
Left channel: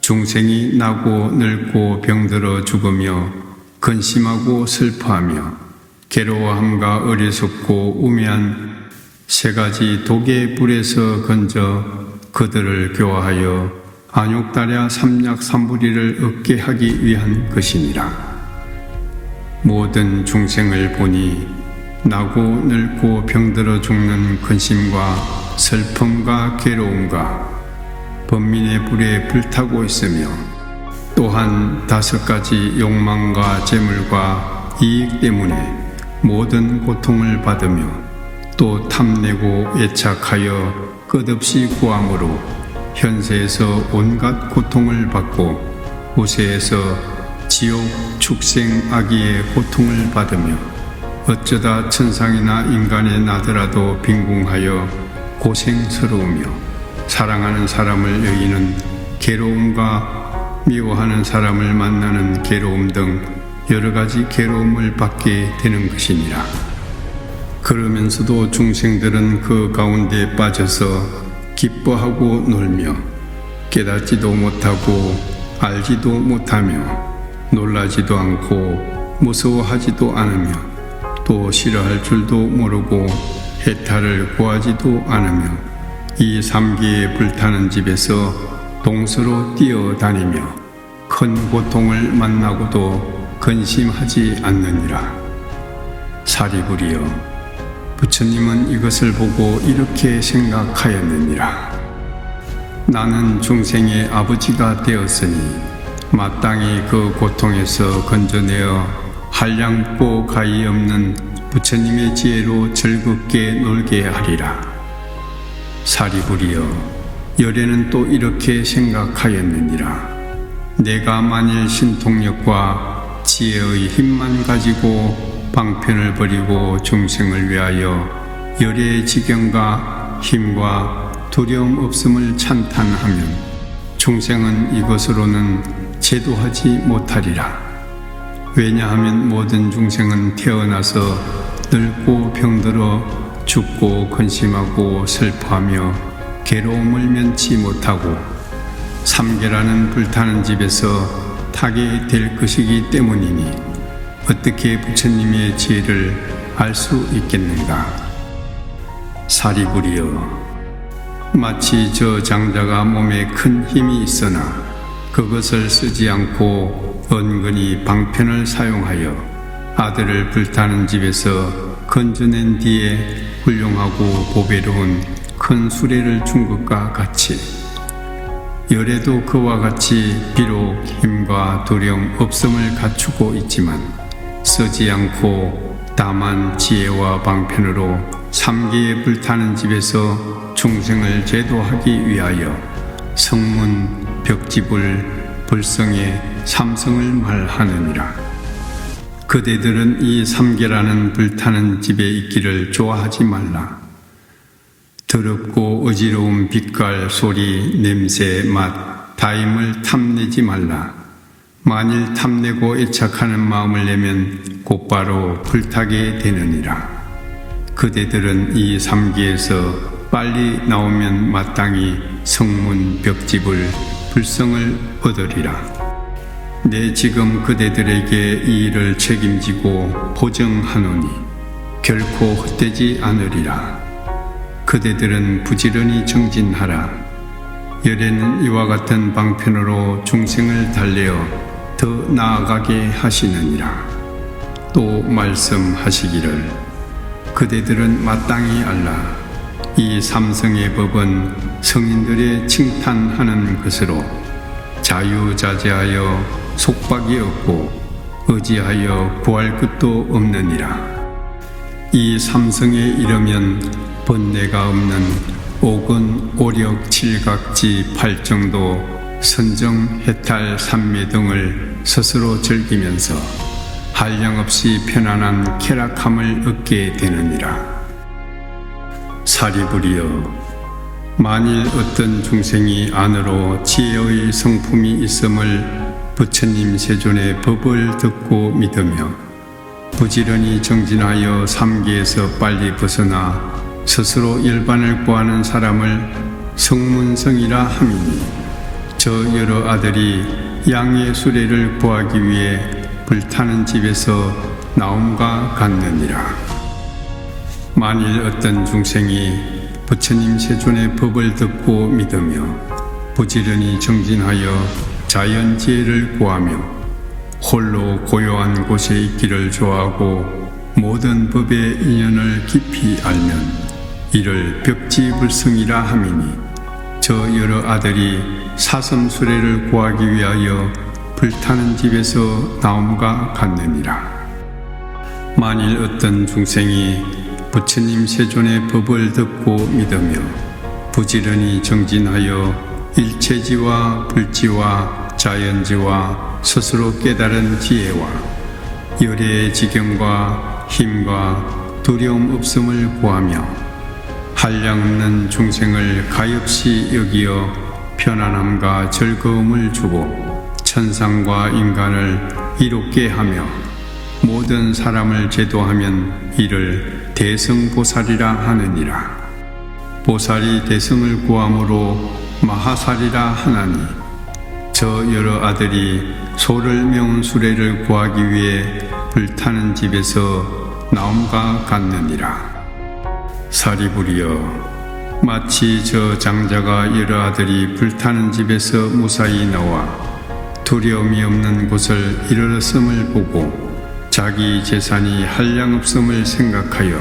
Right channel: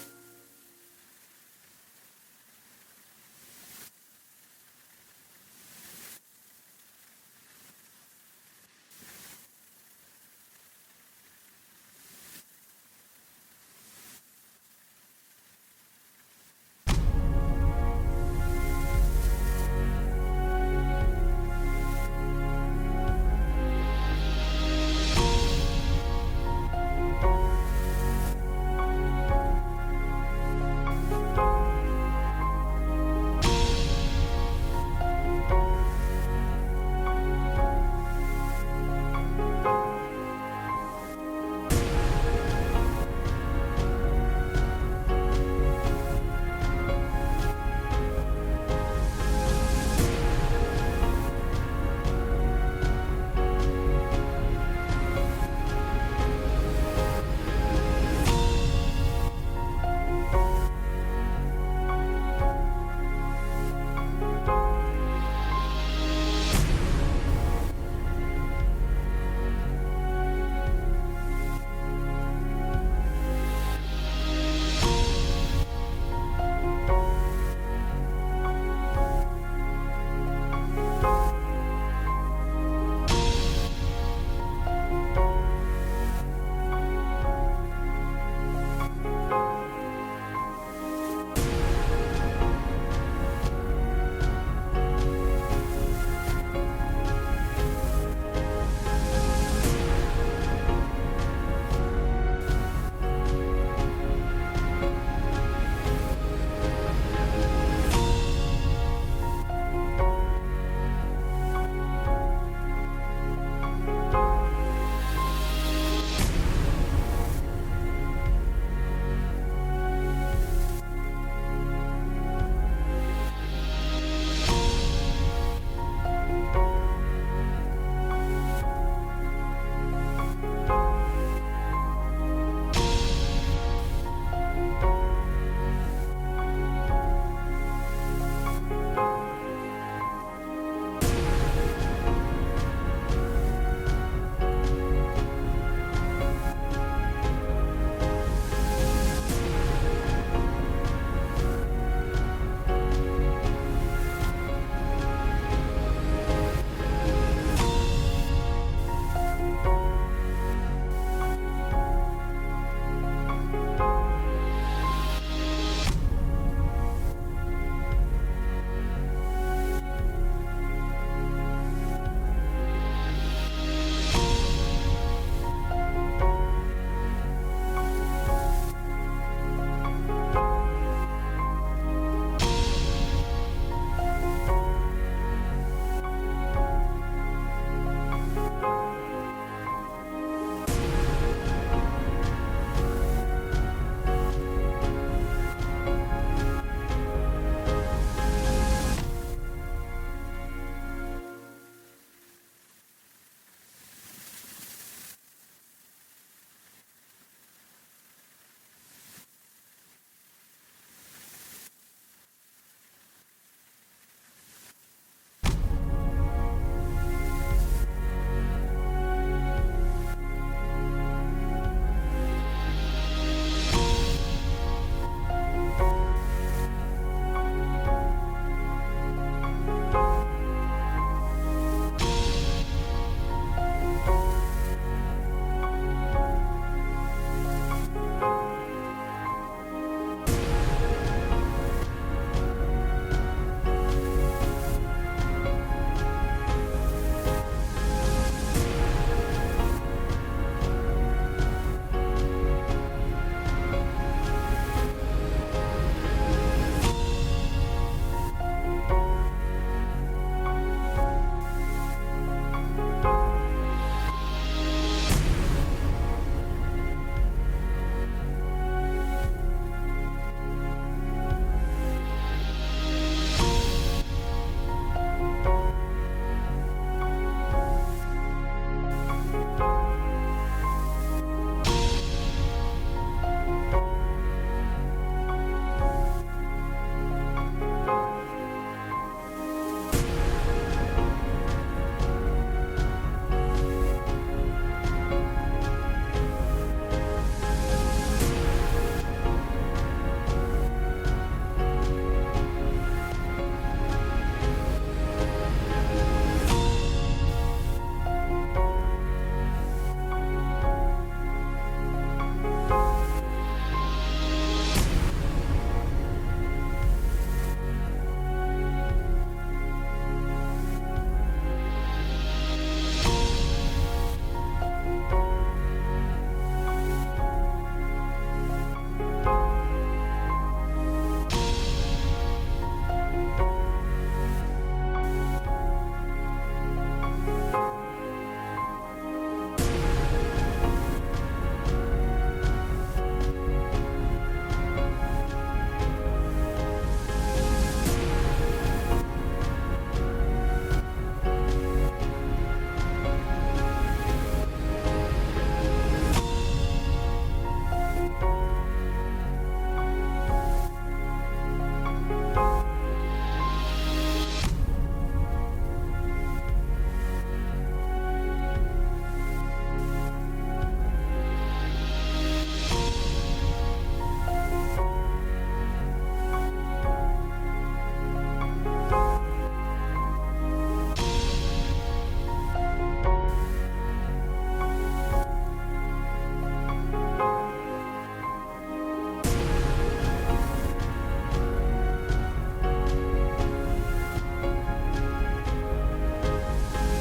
중생이 나고 늙고 병들어 죽으며 근심하고 슬퍼하며 괴로워함과 어리석고 우매한 세 가지 독의 불에서 건져 그들을 교화하여 안욕달야 삼약삼부리를 얻게 하기 위한 것이니라. 모든 중생을 보니 나고 늙고 병들어 죽는 근심과 슬픔과 괴로움과 번민의 불에 불타고 있으며, 또한 5가지 욕망과 재물과 이익 때문에 모든 고통을 받으며 또 탐내고 애착하여 끝없이 구함으로 현세에서 온갖 고통을 받고 후세에서 지옥 축생 악의의 고통을 받으며 어쩌다 천상이나 인간에 나더라도 빈궁하여 고생스러우며 사랑하는 사람을 여의는 괴로움과 미워하는 사람을 만나는 괴로움 등 여러 가지 괴로움을 받게 되는 것이니라. 그러면서도 중생들은 그 가운데 빠져서 기뻐하고 놀며 깨닫지도 못하고 알지도 못하며 놀라지도 않고 무서워하지도 않으며 또 싫어할 줄도 모르고 해탈을 구하지도 않으며 이 삼계에 불타는 집에서 동서로 뛰어다니며 큰 고통을 만나고도 근심하지 않느니라. 사리부리여, 부처님은 이것을 보고 이렇게 생각하였느니라. 나는 중생의 아버지가 되었으니 마땅히 그 고통에서 건져내어 한량없고 가히 없는 부처님의 지혜로 즐겁게 놀게 하리라. 사리부리여, 열애는 또 이렇게 생각하였느니라. 내가 만일 신통력과 지혜의 힘만 가지고 방편을 버리고 중생을 위하여 열애의 지경과 힘과 두려움 없음을 찬탄하면 중생은 이것으로는 제도하지 못하리라. 왜냐하면 모든 중생은 태어나서 늙고 병들어 죽고 근심하고 슬퍼하며 괴로움을 면치 못하고 삼계라는 불타는 집에서 타게 될 것이기 때문이니 어떻게 부처님의 지혜를 알 수 있겠는가. 사리부리여, 마치 저 장자가 몸에 큰 힘이 있으나 그것을 쓰지 않고 은근히 방편을 사용하여 아들을 불타는 집에서 건져낸 뒤에 훌륭하고 보배로운 큰 수레를 준 것과 같이 열애도 그와 같이 비록 힘과 두려움 없음을 갖추고 있지만 쓰지 않고 다만 지혜와 방편으로 삼계에 불타는 집에서 중생을 제도하기 위하여 성문, 벽지불, 불성의 삼성을 말하느니라. 그대들은 이 삼계라는 불타는 집에 있기를 좋아하지 말라. 더럽고 어지러운 빛깔, 소리, 냄새, 맛, 다임을 탐내지 말라. 만일 탐내고 애착하는 마음을 내면 곧바로 불타게 되느니라. 그대들은 이 삼계에서 빨리 나오면 마땅히 성문 벽집을 불성을 얻으리라. 내 지금 그대들에게 이 일을 책임지고 보증하노니 결코 헛되지 않으리라. 그대들은 부지런히 정진하라. 열에는 이와 같은 방편으로 중생을 달래어 더 나아가게 하시느니라. 또 말씀하시기를 그대들은 마땅히 알라. 이 삼성의 법은 성인들의 칭탄하는 것으로 자유자재하여 속박이 없고 의지하여 구할 것도 없느니라. 이 삼성에 이르면 번뇌가 없는 오근, 오력, 칠각지, 팔정도, 선정, 해탈, 삼매 등을 스스로 즐기면서 한량없이 편안한 쾌락함을 얻게 되느니라. 사리부리여, 만일 어떤 중생이 안으로 지혜의 성품이 있음을 부처님 세존의 법을 듣고 믿으며 부지런히 정진하여 삼계에서 빨리 벗어나 스스로 열반을 구하는 사람을 성문성이라 함이니 저 여러 아들이 양의 수레를 구하기 위해 불타는 집에서 나옴과 같느니라. 만일 어떤 중생이 부처님 세존의 법을 듣고 믿으며 부지런히 정진하여 자연지혜를 구하며 홀로 고요한 곳에 있기를 좋아하고 모든 법의 인연을 깊이 알면 이를 벽지불성이라 함이니 저 여러 아들이 사섬수레를 구하기 위하여 불타는 집에서 나옴과 같느니라. 만일 어떤 중생이 부처님 세존의 법을 듣고 믿으며 부지런히 정진하여 일체지와 불지와 자연지와 스스로 깨달은 지혜와 열의 지경과 힘과 두려움 없음을 구하며 한량없는 중생을 가엾이 여기어 편안함과 즐거움을 주고 천상과 인간을 이롭게 하며 모든 사람을 제도하면 이를 대성보살이라 하느니라. 보살이 대성을 구함으로 마하살이라 하나니 저 여러 아들이 소를 메운 수레를 구하기 위해 불타는 집에서 나옴과 같느니라. 사리부리여, 마치 저 장자가 여러 아들이 불타는 집에서 무사히 나와 두려움이 없는 곳을 이르렀음을 보고 자기 재산이 한량없음을 생각하여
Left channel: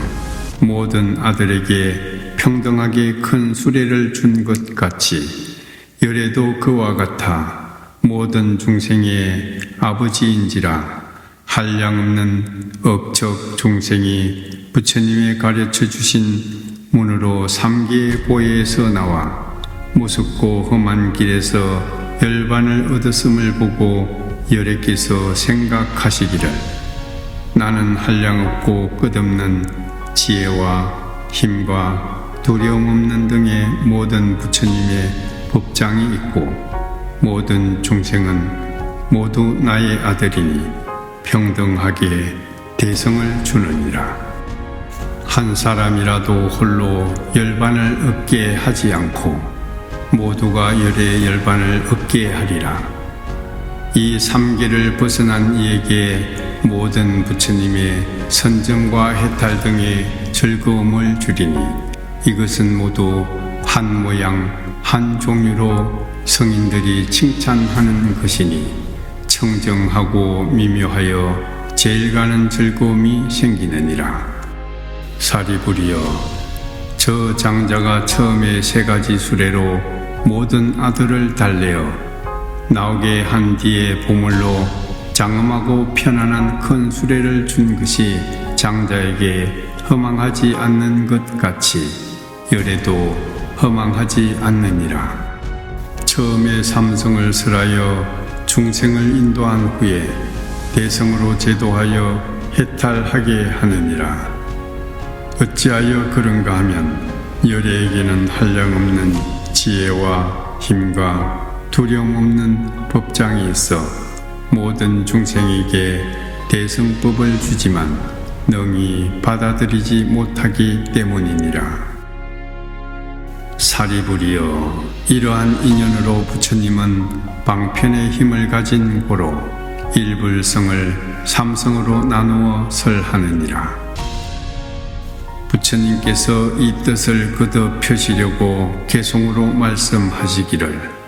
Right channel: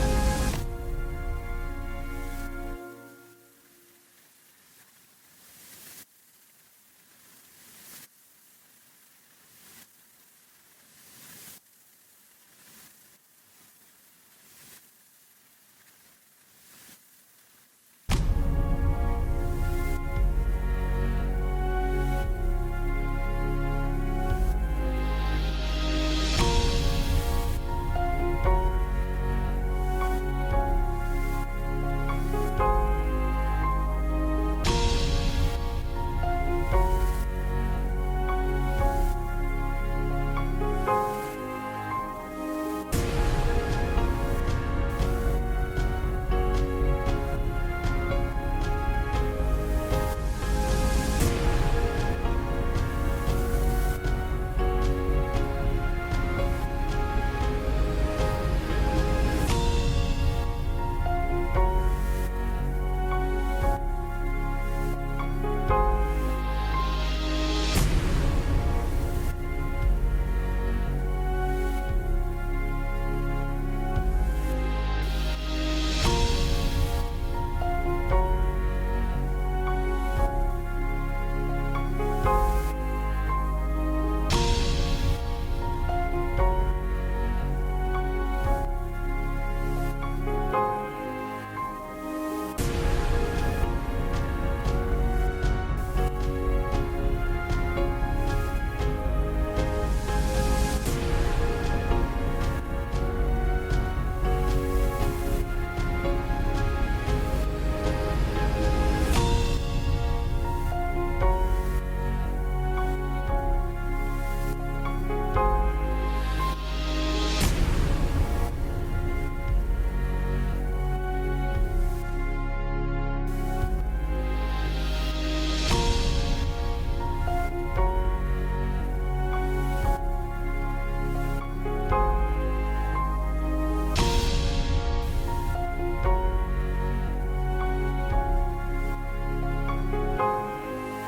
모든 아들에게 평등하게 큰 수레를 준 것 같이 열애도 그와 같아 모든 중생의 아버지인지라 한량없는 억척 중생이 부처님의 가르쳐 주신 문으로 삼계의 보혜에서 나와 무섭고 험한 길에서 열반을 얻었음을 보고 열애께서 생각하시기를 나는 한량없고 끝없는 지혜와 힘과 두려움 없는 등의 모든 부처님의 법장이 있고 모든 중생은 모두 나의 아들이니 평등하게 대성을 주느니라. 한 사람이라도 홀로 열반을 얻게 하지 않고 모두가 열의 열반을 얻게 하리라. 이 삼계를 벗어난 이에게 모든 부처님의 선정과 해탈 등의 즐거움을 주리니 이것은 모두 한 모양 한 종류로 성인들이 칭찬하는 것이니 청정하고 미묘하여 제일 가는 즐거움이 생기느니라. 사리부리여, 저 장자가 처음에 세 가지 수레로 모든 아들을 달래어 나오게 한 뒤에 보물로 장엄하고 편안한 큰 수레를 준 것이 장자에게 허망하지 않는 것 같이 열애도 허망하지 않느니라. 처음에 삼성을 설하여 중생을 인도한 후에 대성으로 제도하여 해탈하게 하느니라. 어찌하여 그런가 하면 열애에게는 한량없는 지혜와 힘과 두려움 없는 법장이 있어 모든 중생에게 대성법을 주지만 능히 받아들이지 못하기 때문이니라. 사리부리여, 이러한 인연으로 부처님은 방편의 힘을 가진 고로 일불성을 삼성으로 나누어 설하느니라. 부처님께서 이 뜻을 거듭 펴시려고 개송으로 말씀하시기를,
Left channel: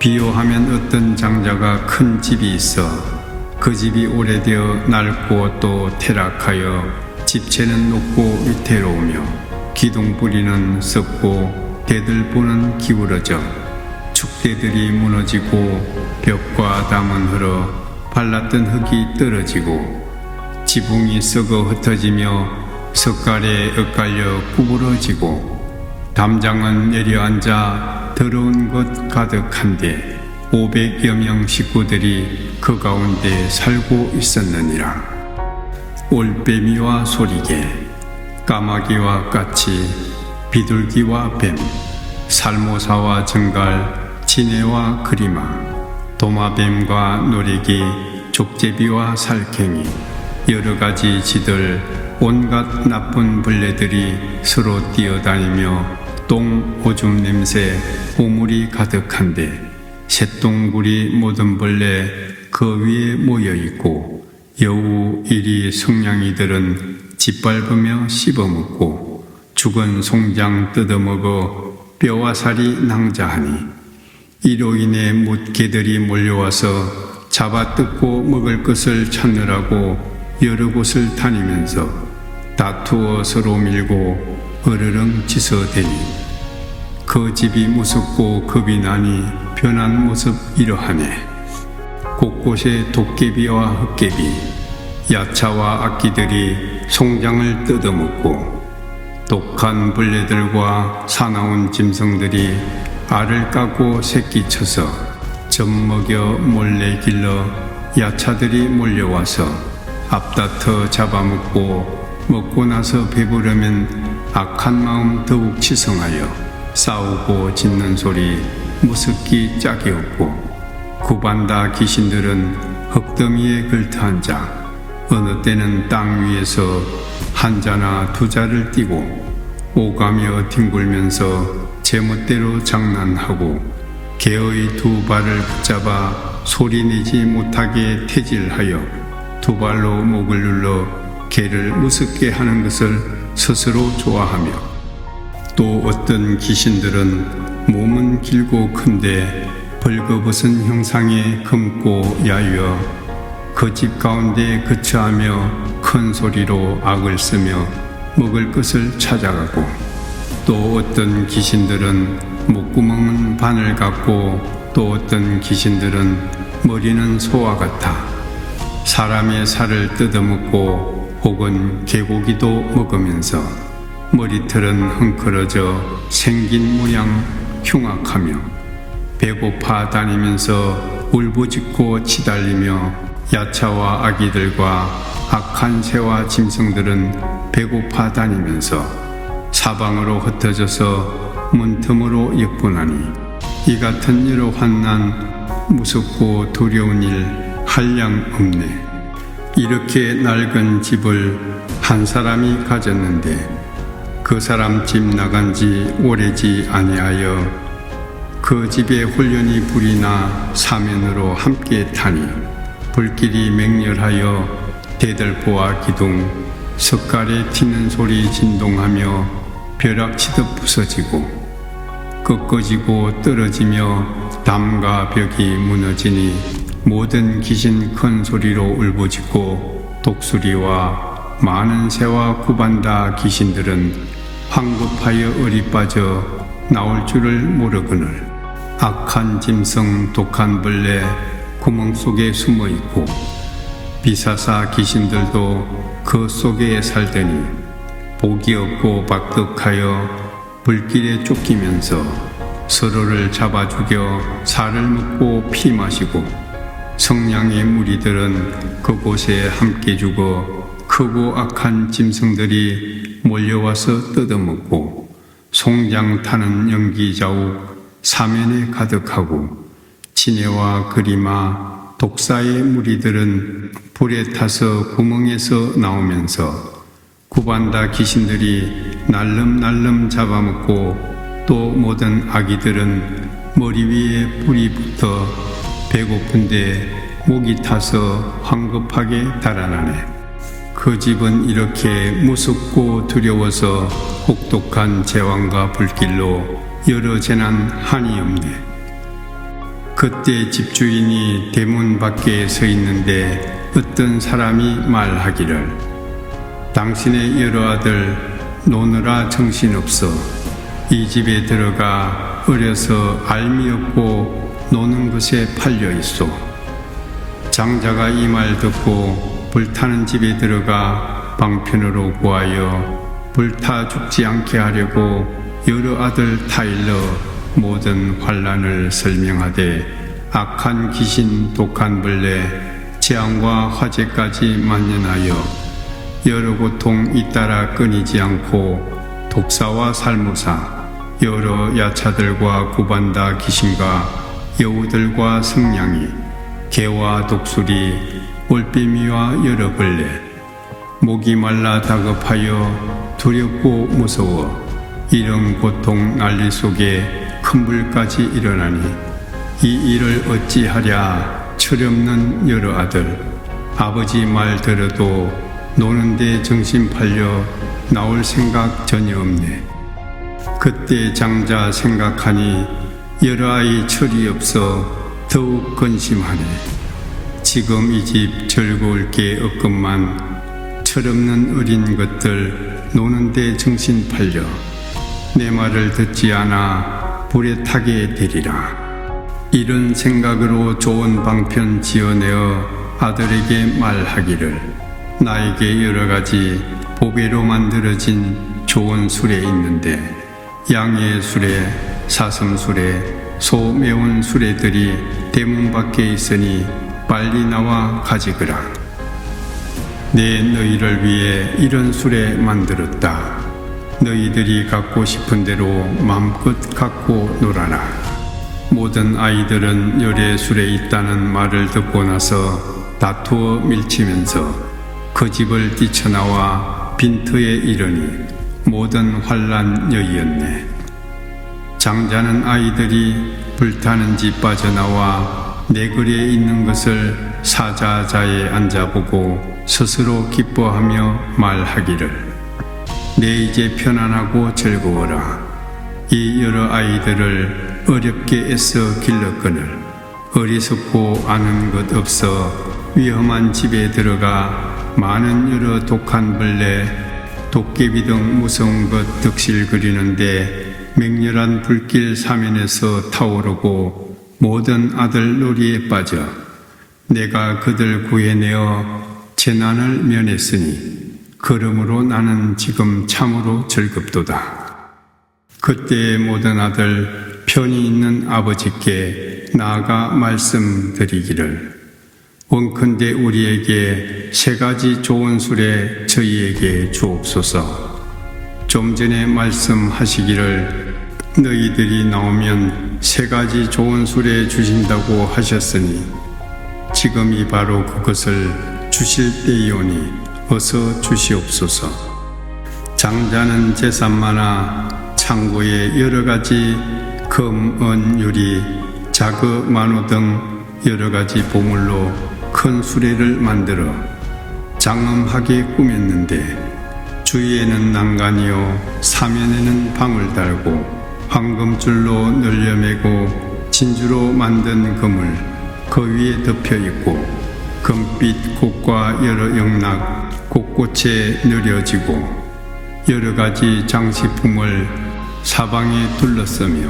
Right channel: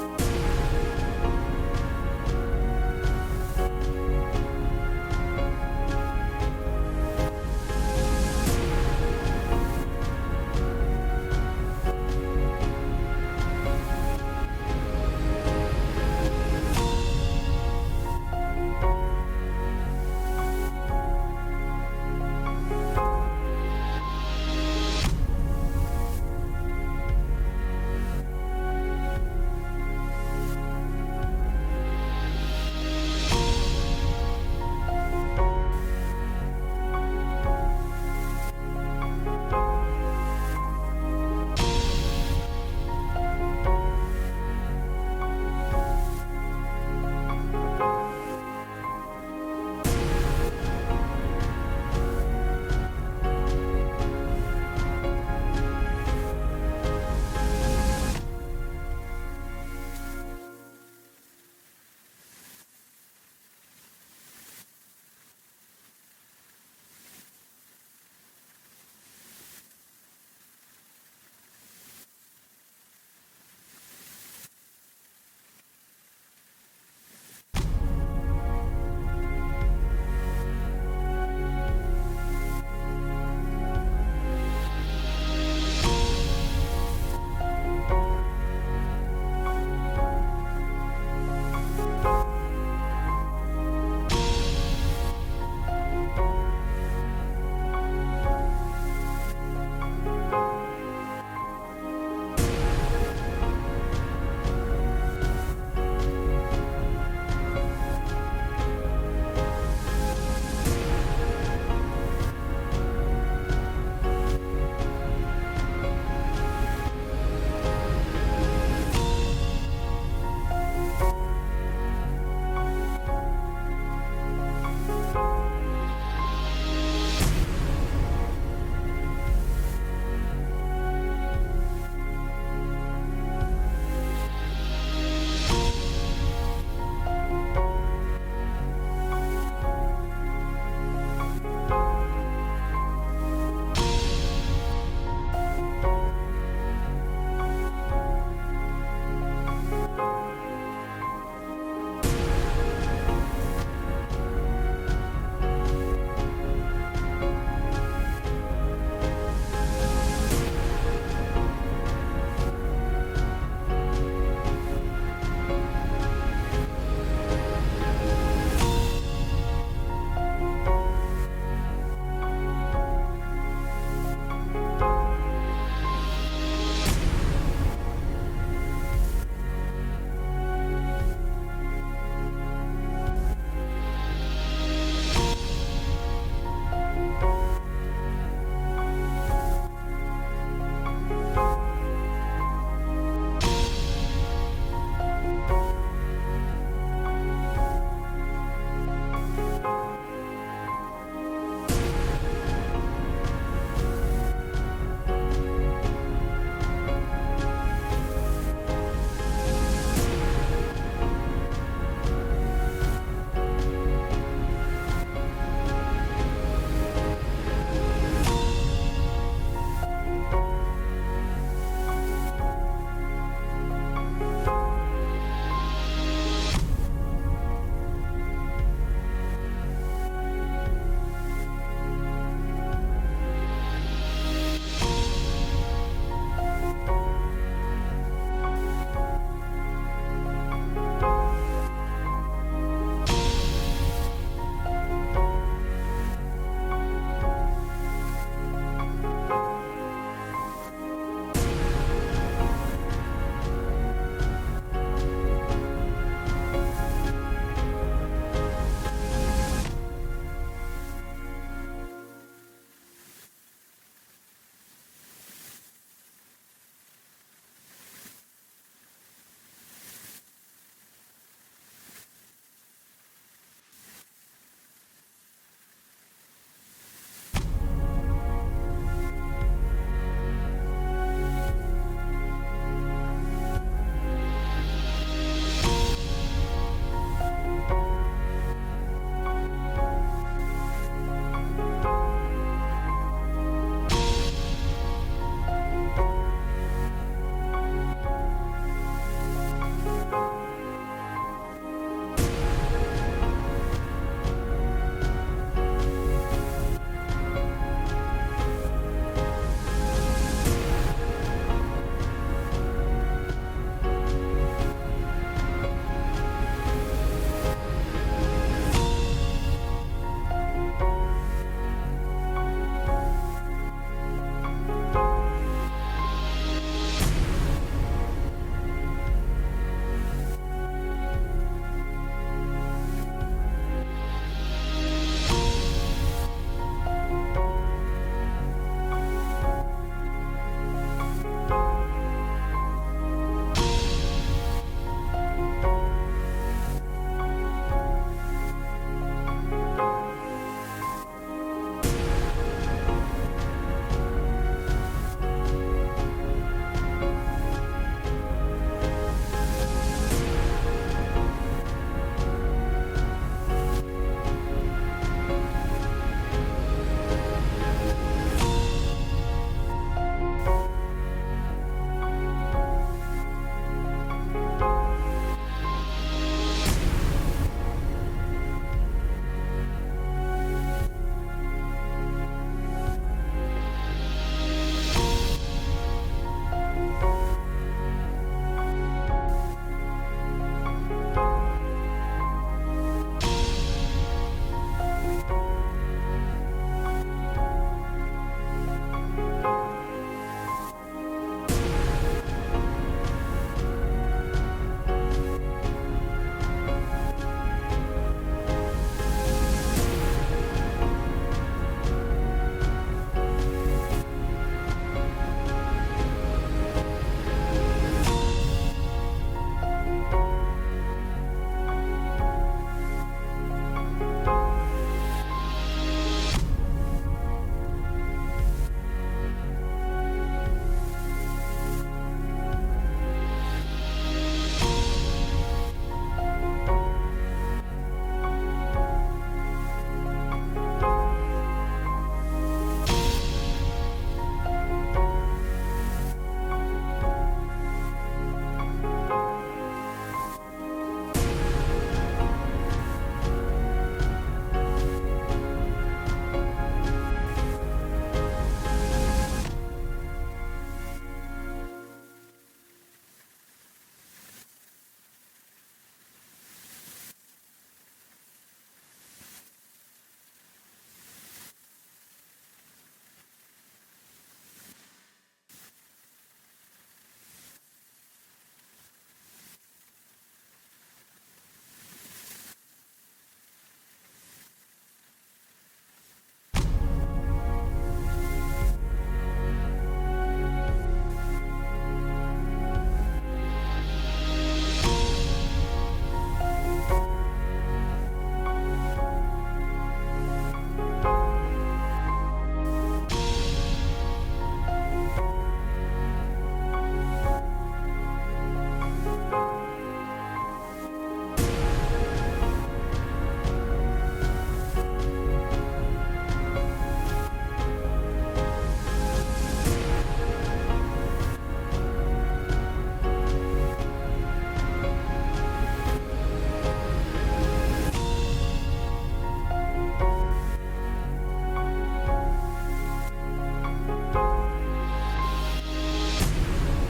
비유하면 어떤 장자가 큰 집이 있어 그 집이 오래되어 낡고 또 퇴락하여 집채는 높고 위태로우며 기둥뿌리는 썩고 대들보는 기울어져 축대들이 무너지고 벽과 담은 흘러 발랐던 흙이 떨어지고 지붕이 썩어 흩어지며 석갈에 엇갈려 구부러지고 담장은 내려앉아 더러운 것 가득한데 500여 명 식구들이 그 가운데 살고 있었느니라. 올빼미와 소리개, 까마귀와 까치, 비둘기와 뱀, 살모사와 정갈, 지네와 그리마, 도마뱀과 노래기, 족제비와 살쾡이, 여러 가지 쥐들, 온갖 나쁜 벌레들이 서로 뛰어다니며 똥, 오줌 냄새, 보물이 가득한데 새똥구리 모든 벌레 그 위에 모여있고 여우, 이리, 성냥이들은 짓밟으며 씹어먹고 죽은 송장 뜯어먹어 뼈와 살이 낭자하니 이로 인해 뭇개들이 몰려와서 잡아 뜯고 먹을 것을 찾느라고 여러 곳을 다니면서 다투어 서로 밀고 으르렁 짖어대니 그 집이 무섭고 겁이 나니 변한 모습 이러하네. 곳곳에 도깨비와 흑개비, 야차와 악기들이 송장을 뜯어먹고 독한 벌레들과 사나운 짐승들이 알을 까고 새끼 쳐서 젖 먹여 몰래 길러 야차들이 몰려와서 앞다퉈 잡아먹고 먹고 나서 배부르면 악한 마음 더욱 치성하여 싸우고 짖는 소리 무섭기 짝이 없고 구반다 귀신들은 흙더미에 걸터앉아 어느 때는 땅 위에서 한 자나 두 자를 띠고 오가며 뒹굴면서 제멋대로 장난하고 개의 두 발을 붙잡아 소리내지 못하게 태질하여 두 발로 목을 눌러 개를 무섭게 하는 것을 스스로 좋아하며 또 어떤 귀신들은 몸은 길고 큰데 벌거벗은 형상에 검고 야유어 그 집 가운데 거처하며 큰 소리로 악을 쓰며 먹을 것을 찾아가고 또 어떤 귀신들은 목구멍은 바늘 같고 또 어떤 귀신들은 머리는 소와 같아 사람의 살을 뜯어먹고 혹은 개고기도 먹으면서 머리털은 헝클어져 생긴 모양 흉악하며 배고파 다니면서 울부짖고 치달리며 야차와 아기들과 악한 새와 짐승들은 배고파 다니면서 사방으로 흩어져서 문틈으로 역분하니 이 같은 여러 환난 무섭고 두려운 일 한량 없네. 이렇게 낡은 집을 한 사람이 가졌는데 그 사람 집 나간 지 오래지 아니하여 그 집에 홀연히 불이 나 사면으로 함께 타니 불길이 맹렬하여 대들보와 기둥 석갈에 튀는 소리 진동하며 벼락치듯 부서지고 꺾어지고 떨어지며 담과 벽이 무너지니 모든 귀신 큰 소리로 울부짖고 독수리와 많은 새와 구반다 귀신들은 황급하여 얼이 빠져 나올 줄을 모르거늘 악한 짐승 독한 벌레 구멍 속에 숨어 있고 비사사 귀신들도 그 속에 살더니 복이 없고 박득하여 불길에 쫓기면서 서로를 잡아 죽여 살을 먹고 피 마시고 성량의 무리들은 그곳에 함께 죽어 크고 악한 짐승들이 몰려와서 뜯어먹고 송장 타는 연기 자욱 사면에 가득하고 지네와 그리마 독사의 무리들은 불에 타서 구멍에서 나오면서 구반다 귀신들이 날름날름 잡아먹고 또 모든 아기들은 머리 위에 불이 붙어 배고픈데 목이 타서 황급하게 달아나네. 그 집은 이렇게 무섭고 두려워서 혹독한 재앙과 불길로 여러 재난 한이 없네. 그때 집주인이 대문 밖에 서 있는데 어떤 사람이 말하기를 당신의 여러 아들 노느라 정신없어 이 집에 들어가 어려서 알미 없고 노는 것에 팔려 있소. 장자가 이 말 듣고 불타는 집에 들어가 방편으로 구하여 불타 죽지 않게 하려고 여러 아들 타일러 모든 환란을 설명하되 악한 귀신 독한 벌레 재앙과 화재까지 만연하여 여러 고통 잇따라 끊이지 않고 독사와 살무사 여러 야차들과 구반다 귀신과 여우들과 성냥이 개와 독수리 올빼미와 여러 벌레 목이 말라 다급하여 두렵고 무서워 이런 고통 난리 속에 큰 불까지 일어나니 이 일을 어찌하랴 철없는 여러 아들 아버지 말 들어도 노는데 정신 팔려 나올 생각 전혀 없네. 그때 장자 생각하니 여러 아이 철이 없어 더욱 근심하네. 지금 이 집 즐거울 게 없건만 철없는 어린 것들 노는데 정신 팔려 내 말을 듣지 않아 불에 타게 되리라. 이런 생각으로 좋은 방편 지어내어 아들에게 말하기를 나에게 여러 가지 보배로 만들어진 좋은 수레 있는데 양의 수레, 사슴 수레, 소 매운 수레들이 대문 밖에 있으니 빨리 나와 가지거라. 내 너희를 위해 이런 수레 만들었다. 너희들이 갖고 싶은 대로 마음껏 갖고 놀아라. 모든 아이들은 열의 수레 있다는 말을 듣고 나서 다투어 밀치면서 그 집을 뛰쳐나와 빈터에 이르니 모든 환란 여이었네. 장자는 아이들이 불타는 집 빠져나와 내거리에 있는 것을 사자자에 앉아보고 스스로 기뻐하며 말하기를 내 이제 편안하고 즐거워라. 이 여러 아이들을 어렵게 애써 길렀거늘 어리석고 아는 것 없어 위험한 집에 들어가 많은 여러 독한 벌레 도깨비 등 무서운 것 득실거리는데 맹렬한 불길 사면에서 타오르고 모든 아들 놀이에 빠져 내가 그들 구해내어 재난을 면했으니 그러므로 나는 지금 참으로 즐겁도다. 그때 모든 아들 편히 있는 아버지께 나아가 말씀드리기를 원컨대 우리에게 세 가지 좋은 수레 저희에게 주옵소서. 좀 전에 말씀하시기를 너희들이 나오면 세 가지 좋은 수레 주신다고 하셨으니 지금이 바로 그것을 주실 때이오니 어서 주시옵소서. 장자는 재산 많아 창고에 여러 가지 금, 은, 유리, 자그, 만호 등 여러 가지 보물로 큰 수레를 만들어 장엄하게 꾸몄는데 주위에는 난간이요 사면에는 방을 달고 황금줄로 늘려매고 진주로 만든 금을 그 위에 덮여 있고 금빛 꽃과 여러 영락 곳곳에 느려지고 여러 가지 장식품을 사방에 둘러싸며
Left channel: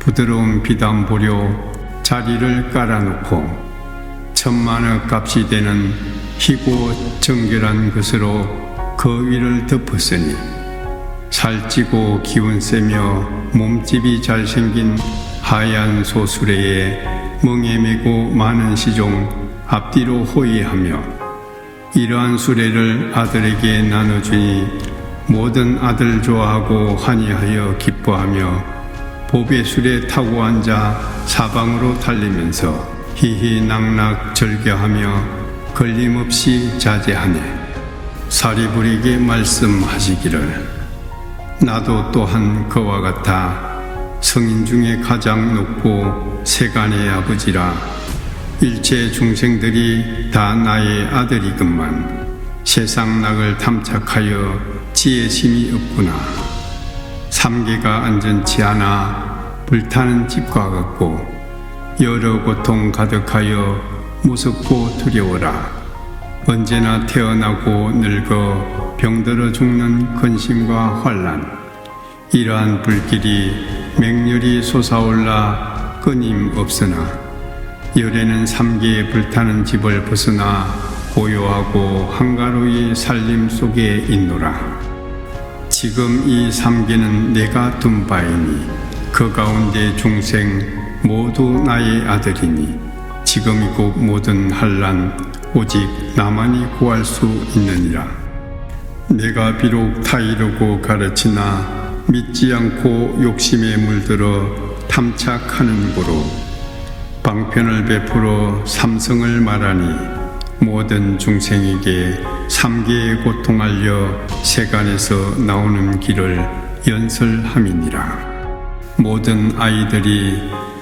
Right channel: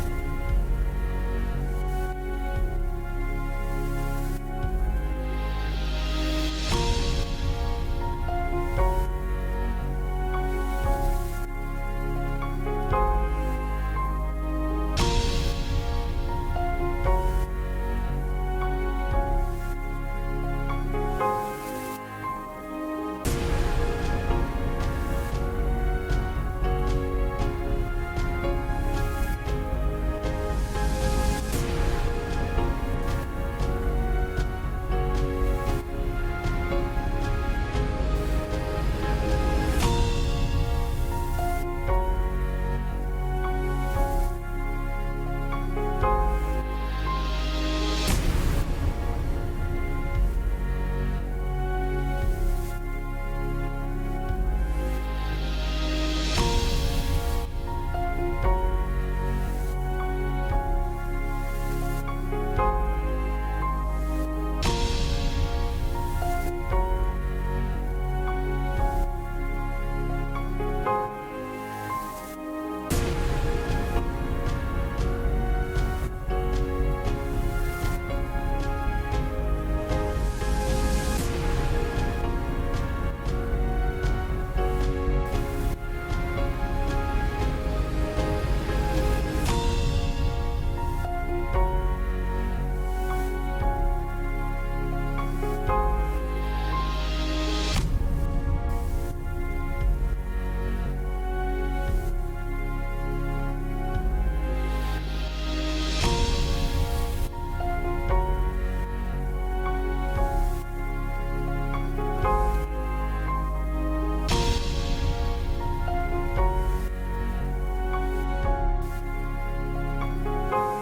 부드러운 비단보료 자리를 깔아놓고 천만억 값이 되는 희고 정결한 것으로 그 위를 덮었으니 살찌고 기운 세며 몸집이 잘생긴 하얀 소수레에 멍에 메고 많은 시종 앞뒤로 호위하며 이러한 수레를 아들에게 나눠주니 모든 아들 좋아하고 환희하여 기뻐하며 보배 수레 타고 앉아 사방으로 달리면서 희희낙낙 절겨하며 걸림없이 자제하네. 사리불에게 말씀하시기를 나도 또한 그와 같아 성인 중에 가장 높고 세간의 아버지라. 일체 중생들이 다 나의 아들이건만 세상 낙을 탐착하여 지혜심이 없구나. 삼계가 안전치 않아 불타는 집과 같고 여러 고통 가득하여 무섭고 두려워라. 언제나 태어나고 늙어 병들어 죽는 근심과 환란, 이러한 불길이 맹렬히 솟아올라 끊임없으나 열에는 삼계에 불타는 집을 벗어나 고요하고 한가로이 살림 속에 있노라. 지금 이 삼계는 내가 둔 바이니 그 가운데 중생 모두 나의 아들이니 지금 이곳 모든 환란 오직 나만이 구할 수 있느니라. 내가 비록 타이르고 가르치나 믿지 않고 욕심에 물들어 탐착하는 고로 방편을 베풀어 삼성을 말하니 모든 중생에게 삼계의 고통 알려 세간에서 나오는 길을 연설함이니라. 모든 아이들이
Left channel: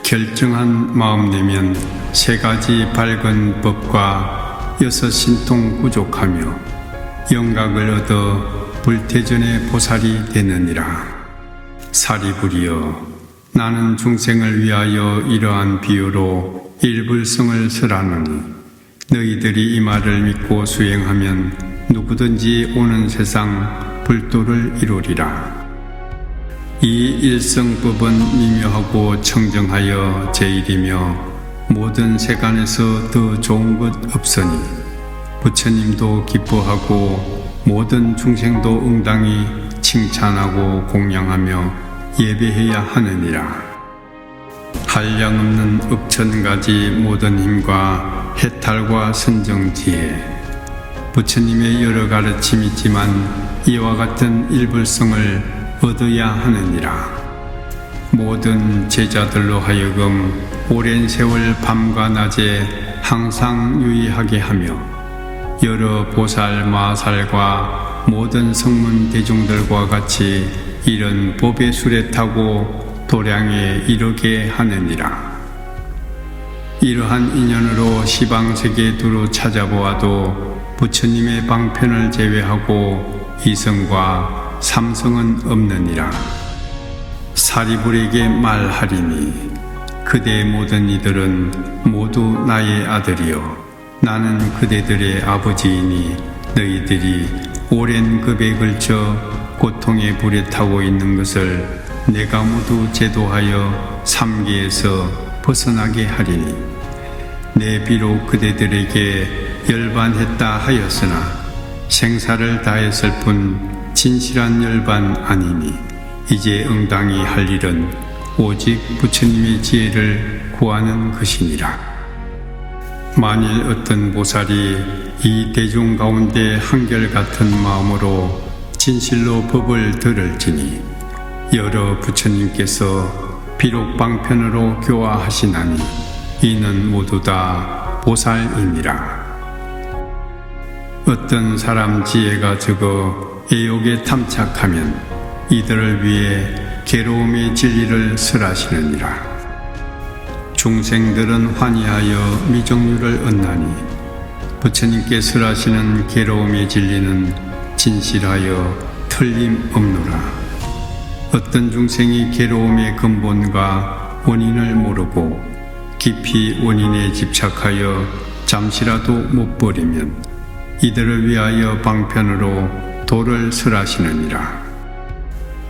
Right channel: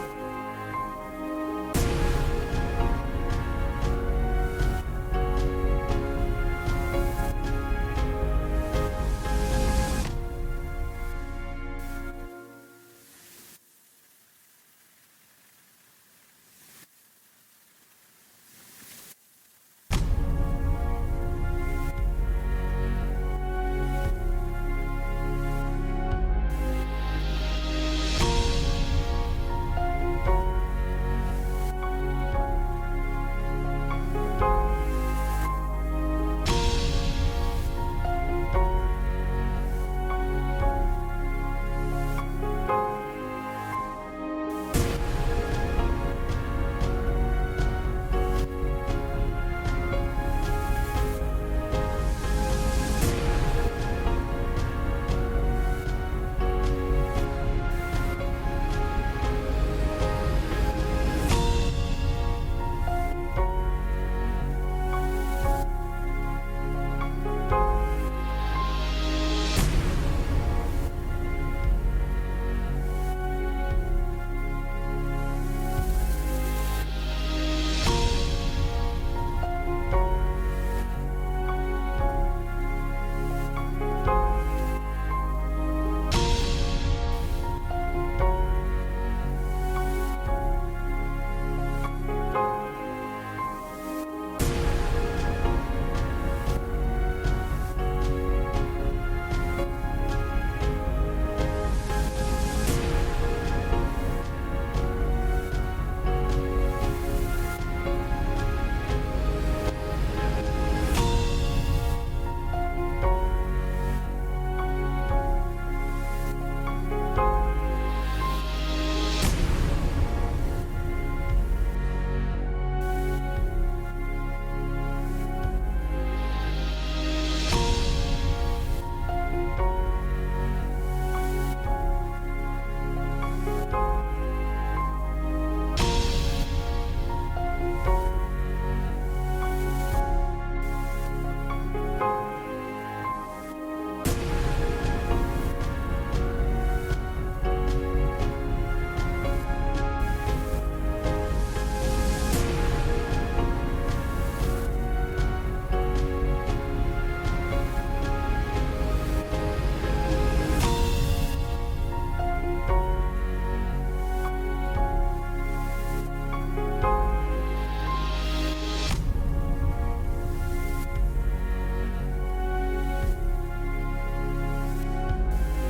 결정한 마음 내면 세 가지 밝은 법과 여섯 신통 부족하며 영각을 얻어 불태전의 보살이 되느니라. 사리불이여, 나는 중생을 위하여 이러한 비유로 일불성을 설하노니 너희들이 이 말을 믿고 수행하면 누구든지 오는 세상 불도를 이루리라. 이 일성법은 미묘하고 청정하여 제일이며 모든 세간에서 더 좋은 것 없으니 부처님도 기뻐하고 모든 중생도 응당히 칭찬하고 공양하며 예배해야 하느니라. 한량없는 억천가지 모든 힘과 해탈과 선정지혜, 부처님의 여러 가르침이 있지만 이와 같은 일불성을 얻어야 하느니라. 모든 제자들로 하여금 오랜 세월 밤과 낮에 항상 유의하게 하며 여러 보살 마살과 모든 성문 대중들과 같이 이런 법의 수레 타고 도량에 이르게 하느니라. 이러한 인연으로 시방세계 두루 찾아보아도 부처님의 방편을 제외하고 이성과 삼성은 없느니라. 사리불에게 말하리니 그대의 모든 이들은 모두 나의 아들이요 나는 그대들의 아버지이니 너희들이 오랜 급에 걸쳐 고통의 불에 타고 있는 것을 내가 모두 제도하여 삼계에서 벗어나게 하리니 내 비록 그대들에게 열반했다 하였으나 생사를 다했을 뿐 진실한 열반 아니니 이제 응당히 할 일은 오직 부처님의 지혜를 구하는 것이니라. 만일 어떤 보살이 이 대중 가운데 한결같은 마음으로 진실로 법을 들을지니 여러 부처님께서 비록 방편으로 교화하시나니 이는 모두 다 보살이니라. 어떤 사람 지혜가 적어 애욕에 탐착하면 이들을 위해 괴로움의 진리를 설하시느니라. 중생들은 환희하여 미종류를 얻나니 부처님께 설하시는 괴로움의 진리는 진실하여 틀림없노라. 어떤 중생이 괴로움의 근본과 원인을 모르고 깊이 원인에 집착하여 잠시라도 못 버리면 이들을 위하여 방편으로 도를 설하시느니라.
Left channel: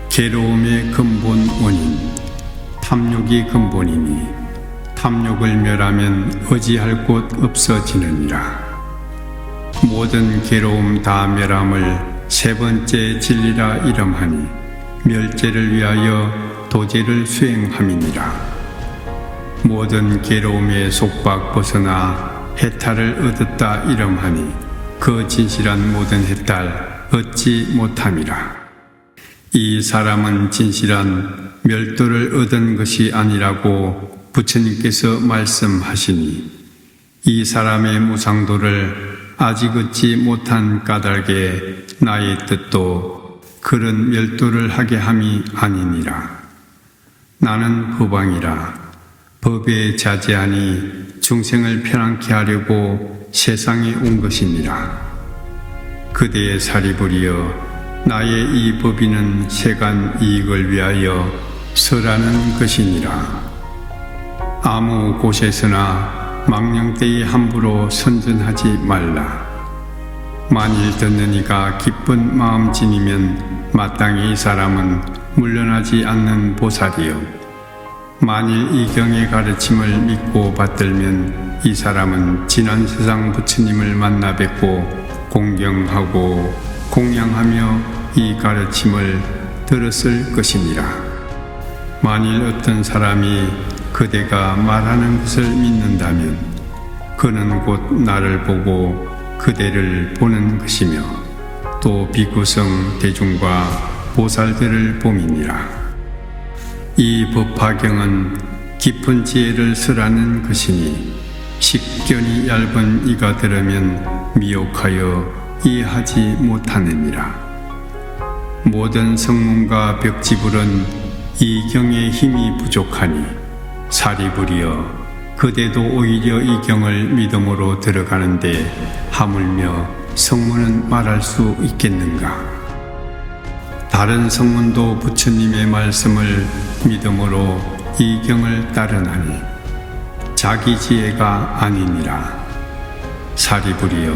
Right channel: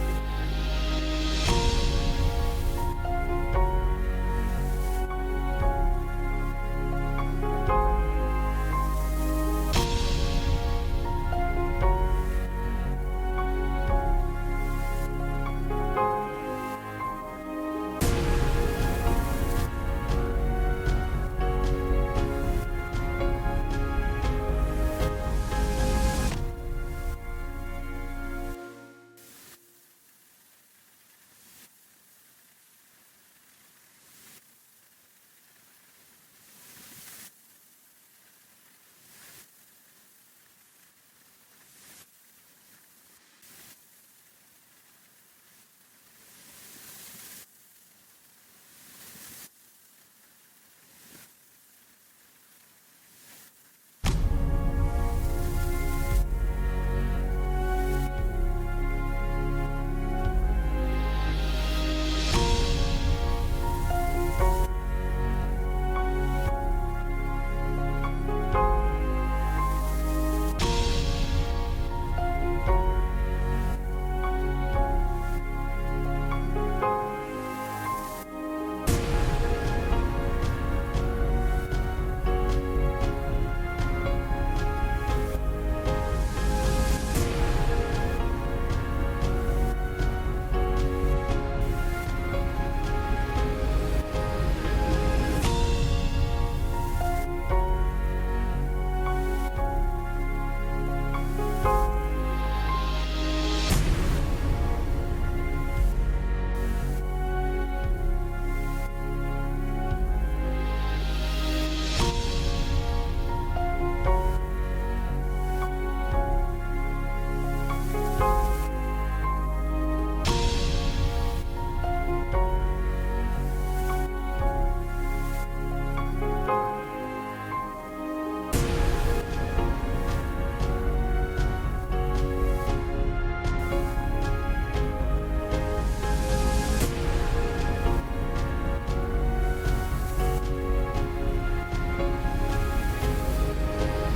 괴로움의 근본 원인, 탐욕이 근본이니 탐욕을 멸하면 의지할 곳 없어지느니라. 모든 괴로움 다 멸함을 세 번째 진리라 이름하니 멸제를 위하여 도제를 수행함이니라. 모든 괴로움에 속박 벗어나 해탈을 얻었다 이름하니 그 진실한 모든 해탈 얻지 못함이라. 이 사람은 진실한 멸도를 얻은 것이 아니라고 부처님께서 말씀하시니 이 사람의 무상도를 아직 얻지 못한 까닭에 나의 뜻도 그런 멸도를 하게 함이 아니니라. 나는 법왕이라 법에 자제하니 중생을 편안케 하려고 세상에 온 것이니라. 그대의 사리부리여 나의 이 법인은 세간 이익을 위하여 설하는 것이니라. 아무 곳에서나 망령되이 함부로 선전하지 말라. 만일 듣는 이가 기쁜 마음진이면 마땅히 이 사람은 물러나지 않는 보살이요, 만일 이 경의 가르침을 믿고 받들면 이 사람은 지난 세상 부처님을 만나 뵙고 공경하고 공양하며 이 가르침을 들었을 것이니라. 만일 어떤 사람이 그대가 말하는 것을 믿는다면 그는 곧 나를 보고 그대를 보는 것이며 또 비구성 대중과 보살들을 봄이니라. 이 법화경은 깊은 지혜를 설하는 것이니 식견이 얇은 이가 들으면 미혹하여 이해하지 못하느니라. 모든 성문과 벽지불은 이 경의 힘이 부족하니 사리부리여 그대도 오히려 이 경을 믿음으로 들어가는데 하물며 성문은 말할 수 있겠는가? 다른 성문도 부처님의 말씀을 믿음으로 이 경을 따르나니 자기 지혜가 아니니라. 사리부리여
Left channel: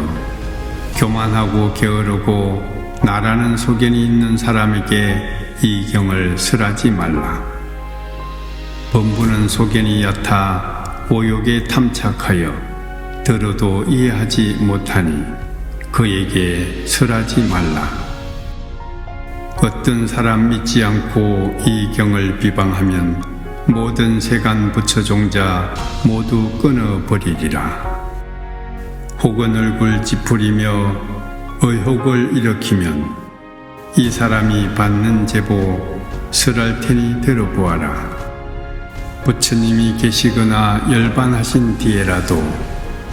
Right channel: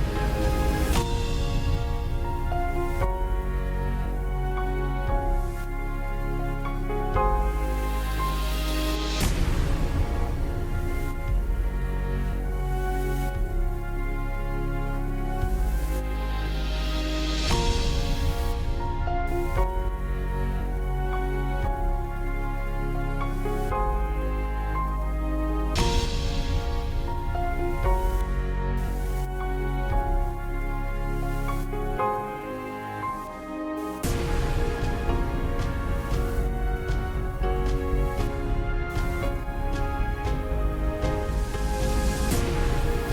교만하고 게으르고 나라는 소견이 있는 사람에게 이 경을 설하지 말라. 범부는 소견이 얕아 오욕에 탐착하여 들어도 이해하지 못하니 그에게 설하지 말라. 어떤 사람 믿지 않고 이 경을 비방하면 모든 세간 부처종자 모두 끊어버리리라. 혹은 얼굴 찌푸리며 의혹을 일으키면 이 사람이 받는 제보 설할 테니 들어보아라. 부처님이 계시거나 열반하신 뒤에라도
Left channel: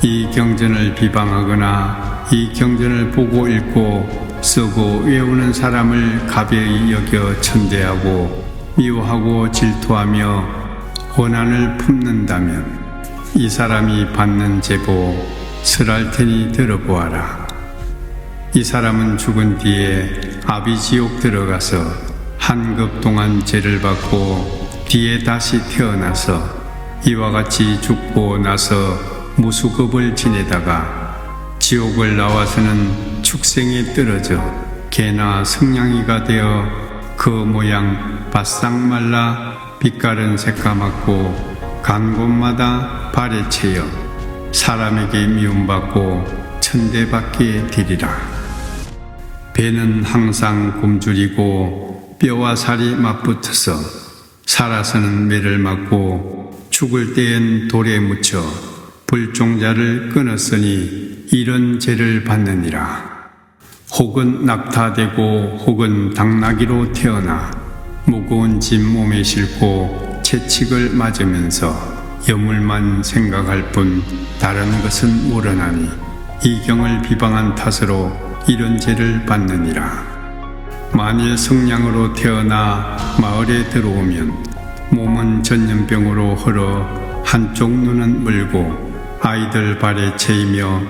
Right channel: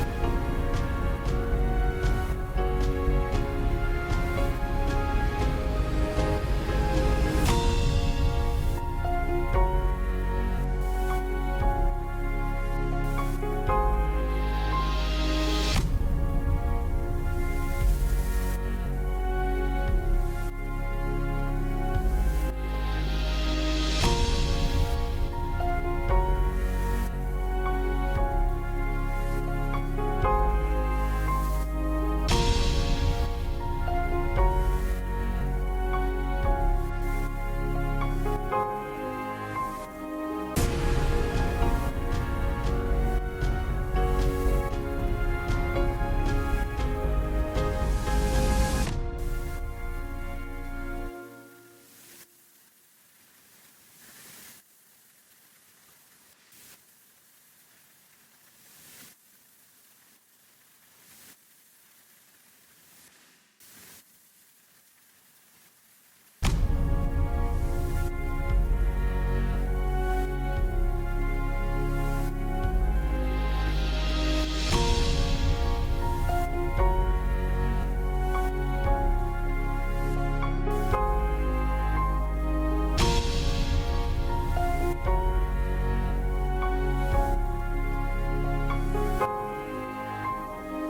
이 경전을 비방하거나 이 경전을 보고 읽고 쓰고 외우는 사람을 가벼이 여겨 천대하고 미워하고 질투하며 원한을 품는다면 이 사람이 받는 제보 설할 테니 들어보아라. 이 사람은 죽은 뒤에 아비지옥 들어가서 한급 동안 죄를 받고 뒤에 다시 태어나서 이와 같이 죽고 나서 무수급을 지내다가 지옥을 나와서는 축생에 떨어져 개나 성냥이가 되어 그 모양 바싹 말라 빛깔은 새까맣고 간 곳마다 발에 채여 사람에게 미움받고 천대받게 되리라. 배는 항상 굶주리고 뼈와 살이 맞붙어서 살아서는 매를 맞고 죽을 때엔 돌에 묻혀 불종자를 끊었으니 이런 죄를 받느니라. 혹은 낙타되고 혹은 당나귀로 태어나 무거운 짐 몸에 싣고 채찍을 맞으면서 여물만 생각할 뿐 다른 것은 모르나니 이 경을 비방한 탓으로 이런 죄를 받느니라. 만일 성냥으로 태어나 마을에 들어오면 몸은 전염병으로 헐어 한쪽 눈은 물고 아이들 발에 채이며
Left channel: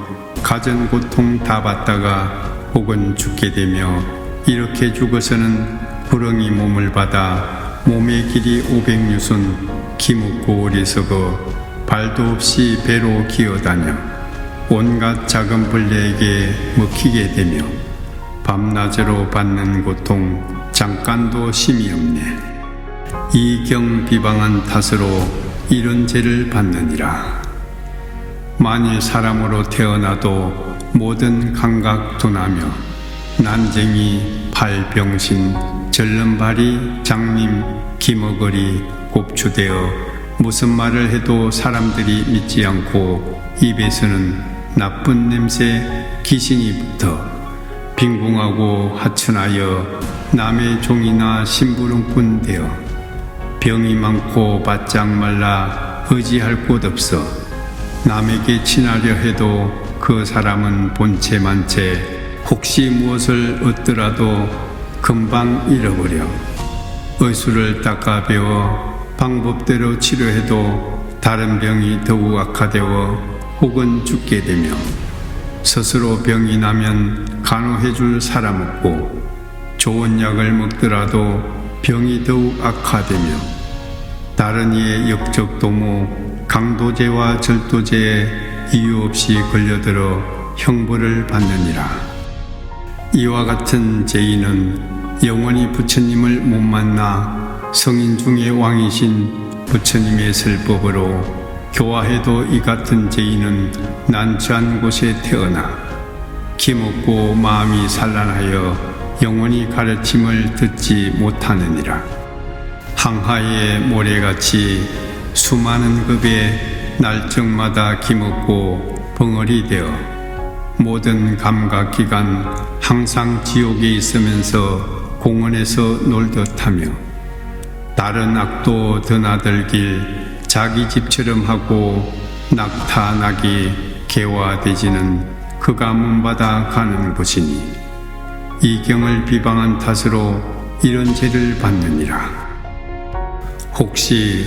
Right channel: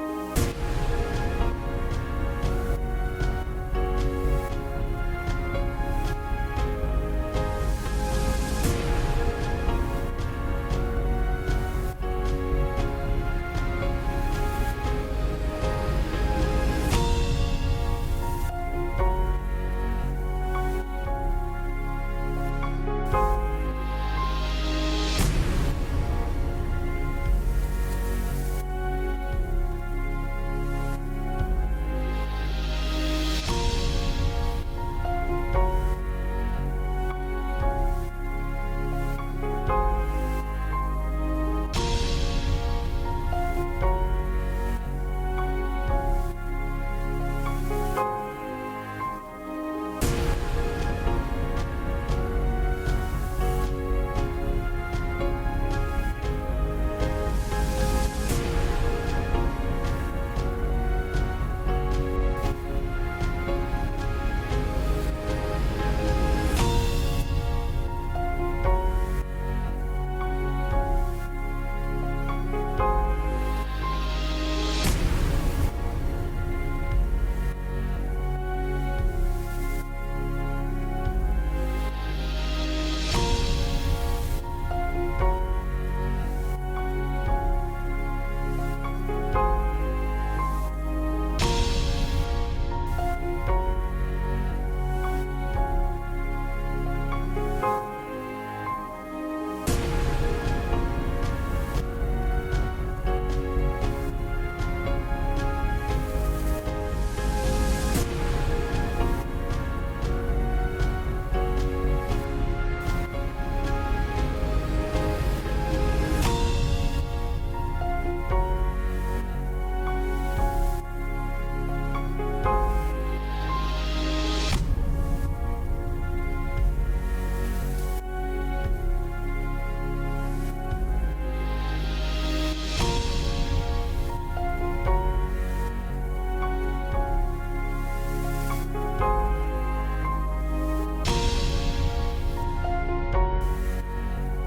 가전 고통 다 받다가 혹은 죽게 되며 이렇게 죽어서는 부렁이 몸을 받아 몸의 길이 500유순 기묻고 어리석어 발도 없이 배로 기어다녀 온갖 작은 벌레에게 먹히게 되며 밤낮으로 받는 고통 잠깐도 심이 없네. 이 경 비방한 탓으로 이런 죄를 받느니라. 만일 사람으로 태어나도 모든 감각 둔하며 난쟁이, 발병신, 절름발이, 장님, 기머거리, 곱추되어 무슨 말을 해도 사람들이 믿지 않고 입에서는 나쁜 냄새, 기신이 붙어 빈궁하고 하천하여 남의 종이나 심부름꾼 되어 병이 많고 바짝 말라 의지할 곳 없어 남에게 친하려 해도 그 사람은 본체만 채 혹시 무엇을 얻더라도 금방 잃어버려 의술을 닦아 배워 방법대로 치료해도 다른 병이 더욱 악화되어 혹은 죽게 되며 스스로 병이 나면 간호해줄 사람 없고 좋은 약을 먹더라도 병이 더욱 악화되며 다른 이의 역적도모, 강도죄와 절도죄에 이유 없이 걸려들어 형벌을 받느니라. 이와 같은 죄인은 영원히 부처님을 못 만나 성인 중에 왕이신 부처님의 설법으로 교화해도 이 같은 죄인은 난처한 곳에 태어나 기먹고 마음이 산란하여 영원히 가르침을 듣지 못하느니라. 항하의 모래같이 수많은 급의 날정마다 기먹고 벙어리 되어 모든 감각기관 항상 지옥에 있으면서 공원에서 놀듯하며 다른 악도 드나들길 자기 집처럼 하고 낙타나기 개화되지는 그가 문받아 가는 곳이니 이 경을 비방한 탓으로 이런 죄를 받느니라. 혹시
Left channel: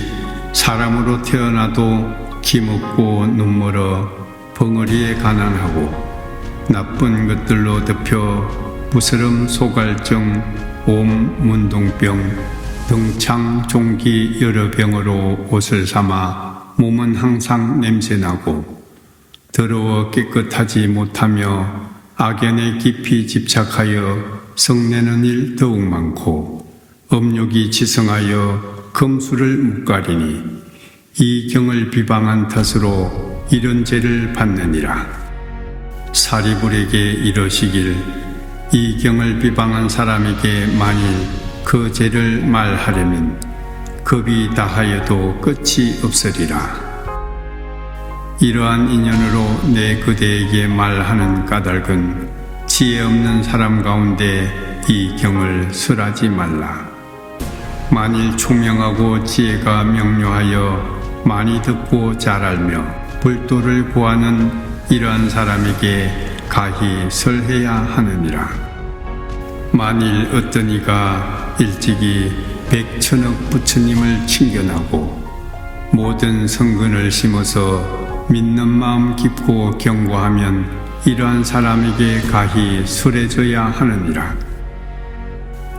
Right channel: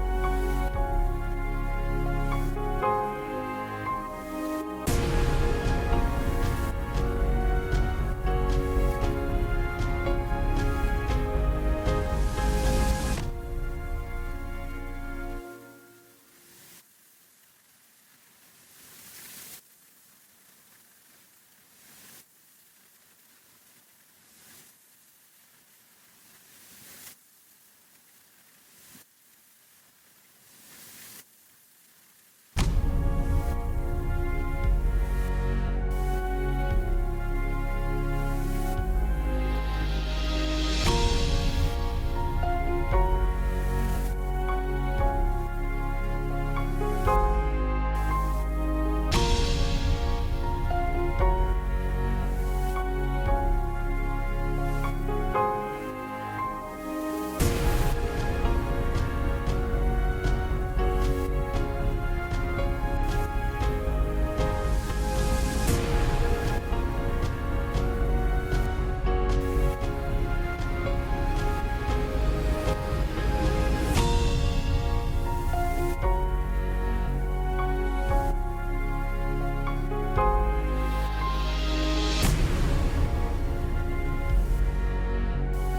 사람으로 태어나도 기먹고 눈멀어 벙어리에 가난하고 나쁜 것들로 덮여 부스럼 소갈증, 옴, 문동병, 등창, 종기 여러 병으로 옷을 삼아 몸은 항상 냄새나고 더러워 깨끗하지 못하며 악연에 깊이 집착하여 성내는 일 더욱 많고 업욕이 지성하여 금수를 못 가리니 이 경을 비방한 탓으로 이런 죄를 받느니라. 사리불에게 이러시길 이 경을 비방한 사람에게 만일 그 죄를 말하려면 겁이 다하여도 끝이 없으리라. 이러한 인연으로 내 그대에게 말하는 까닭은 지혜 없는 사람 가운데 이 경을 설하지 말라. 만일 총명하고 지혜가 명료하여 많이 듣고 잘 알며 불도를 구하는 이러한 사람에게 가히 설해야 하느니라. 만일 어떤 이가 일찍이 백천억 부처님을 칭견하고 모든 성근을 심어서 믿는 마음 깊고 경고하면 이러한 사람에게 가히 설해져야 하느니라.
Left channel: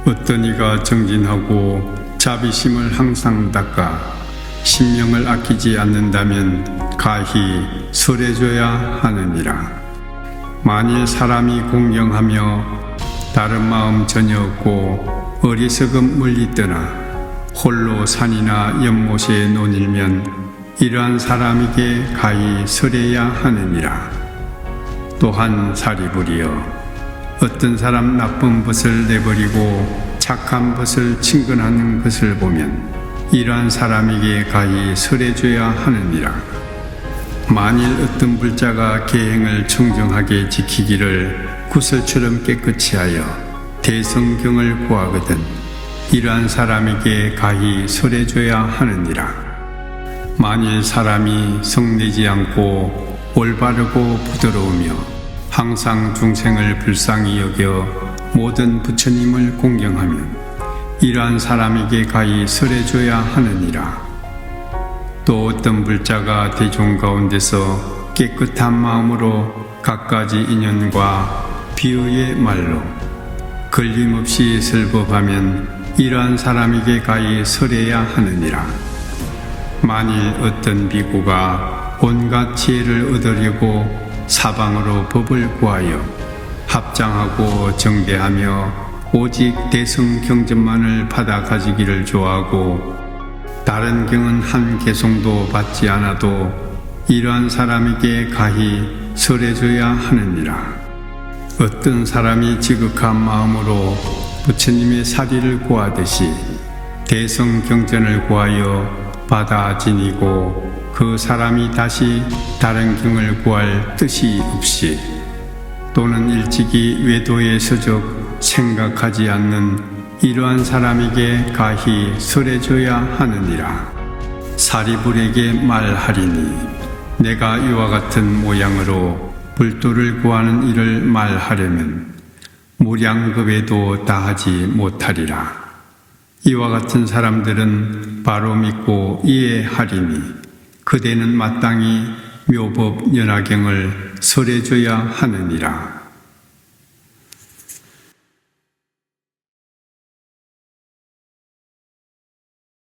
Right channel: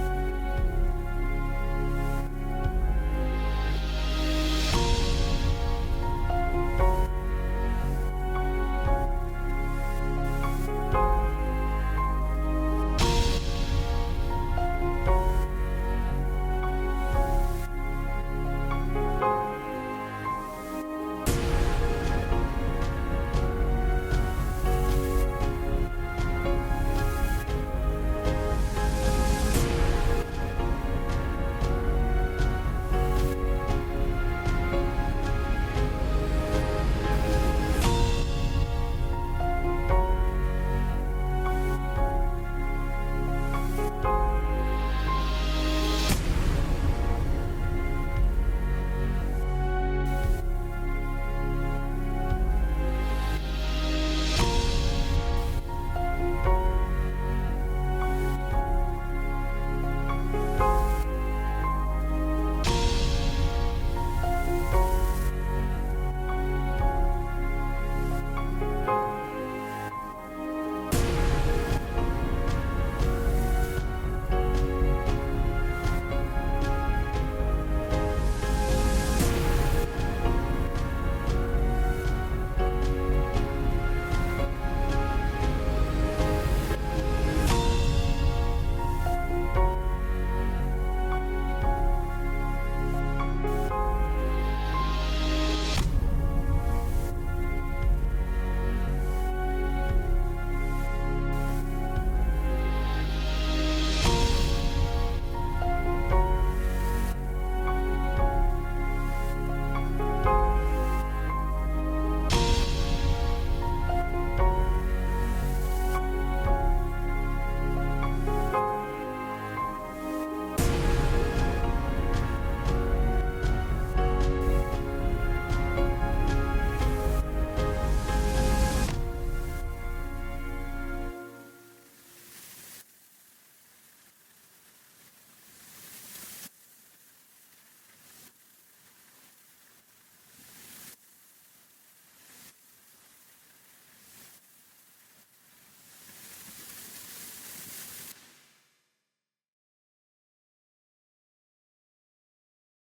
어떤 이가 정진하고 자비심을 항상 닦아 심령을 아끼지 않는다면 가히 설해줘야 하느니라. 만일 사람이 공경하며 다른 마음 전혀 없고 어리석음 멀리 떠나 홀로 산이나 연못에 논일면 이러한 사람에게 가히 설해야 하느니라. 또한 사리불이여 어떤 사람 나쁜 것을 내버리고 착한 것을 친근하는 것을 보면 이러한 사람에게 가히 설해줘야 하느니라. 만일 어떤 불자가 계행을 청정하게 지키기를 구설처럼 깨끗이 하여 대성경을 구하거든 이러한 사람에게 가히 설해줘야 하느니라. 만일 사람이 성내지 않고 올바르고 부드러우며 항상 중생을 불쌍히 여겨 모든 부처님을 공경하면 이러한 사람에게 가히 설해줘야 하느니라. 또 어떤 불자가 대중 가운데서 깨끗한 마음으로 갖가지 인연과 비유의 말로 걸림없이 설법하면 이러한 사람에게 가히 설해야 하느니라. 만일 어떤 비구가 온갖 지혜를 얻으려고 사방으로 법을 구하여 합장하고 정대하며 오직 대성 경전만을 받아 가지기를 좋아하고 다른 경은 한 개송도 받지 않아도 이러한 사람에게 가히 설해줘야 하느니라. 어떤 사람이 지극한 마음으로 부처님의 사리를 구하듯이 대성 경전을 구하여 받아 지니고 그 사람이 다시 다른 경을 구할 뜻이 없이 또는 일찍이 외도에 서적 생각하지 않는 이러한 사람에게 가히 설해줘야 하느니라. 사리불에게 말하리니 내가 이와 같은 모양으로 불도를 구하는 일을 말하려면 무량겁에도 다하지 못하리라. 이와 같은 사람들은 바로 믿고 이해하리니 그대는 마땅히 묘법 연화경을 설해줘야 하느니라.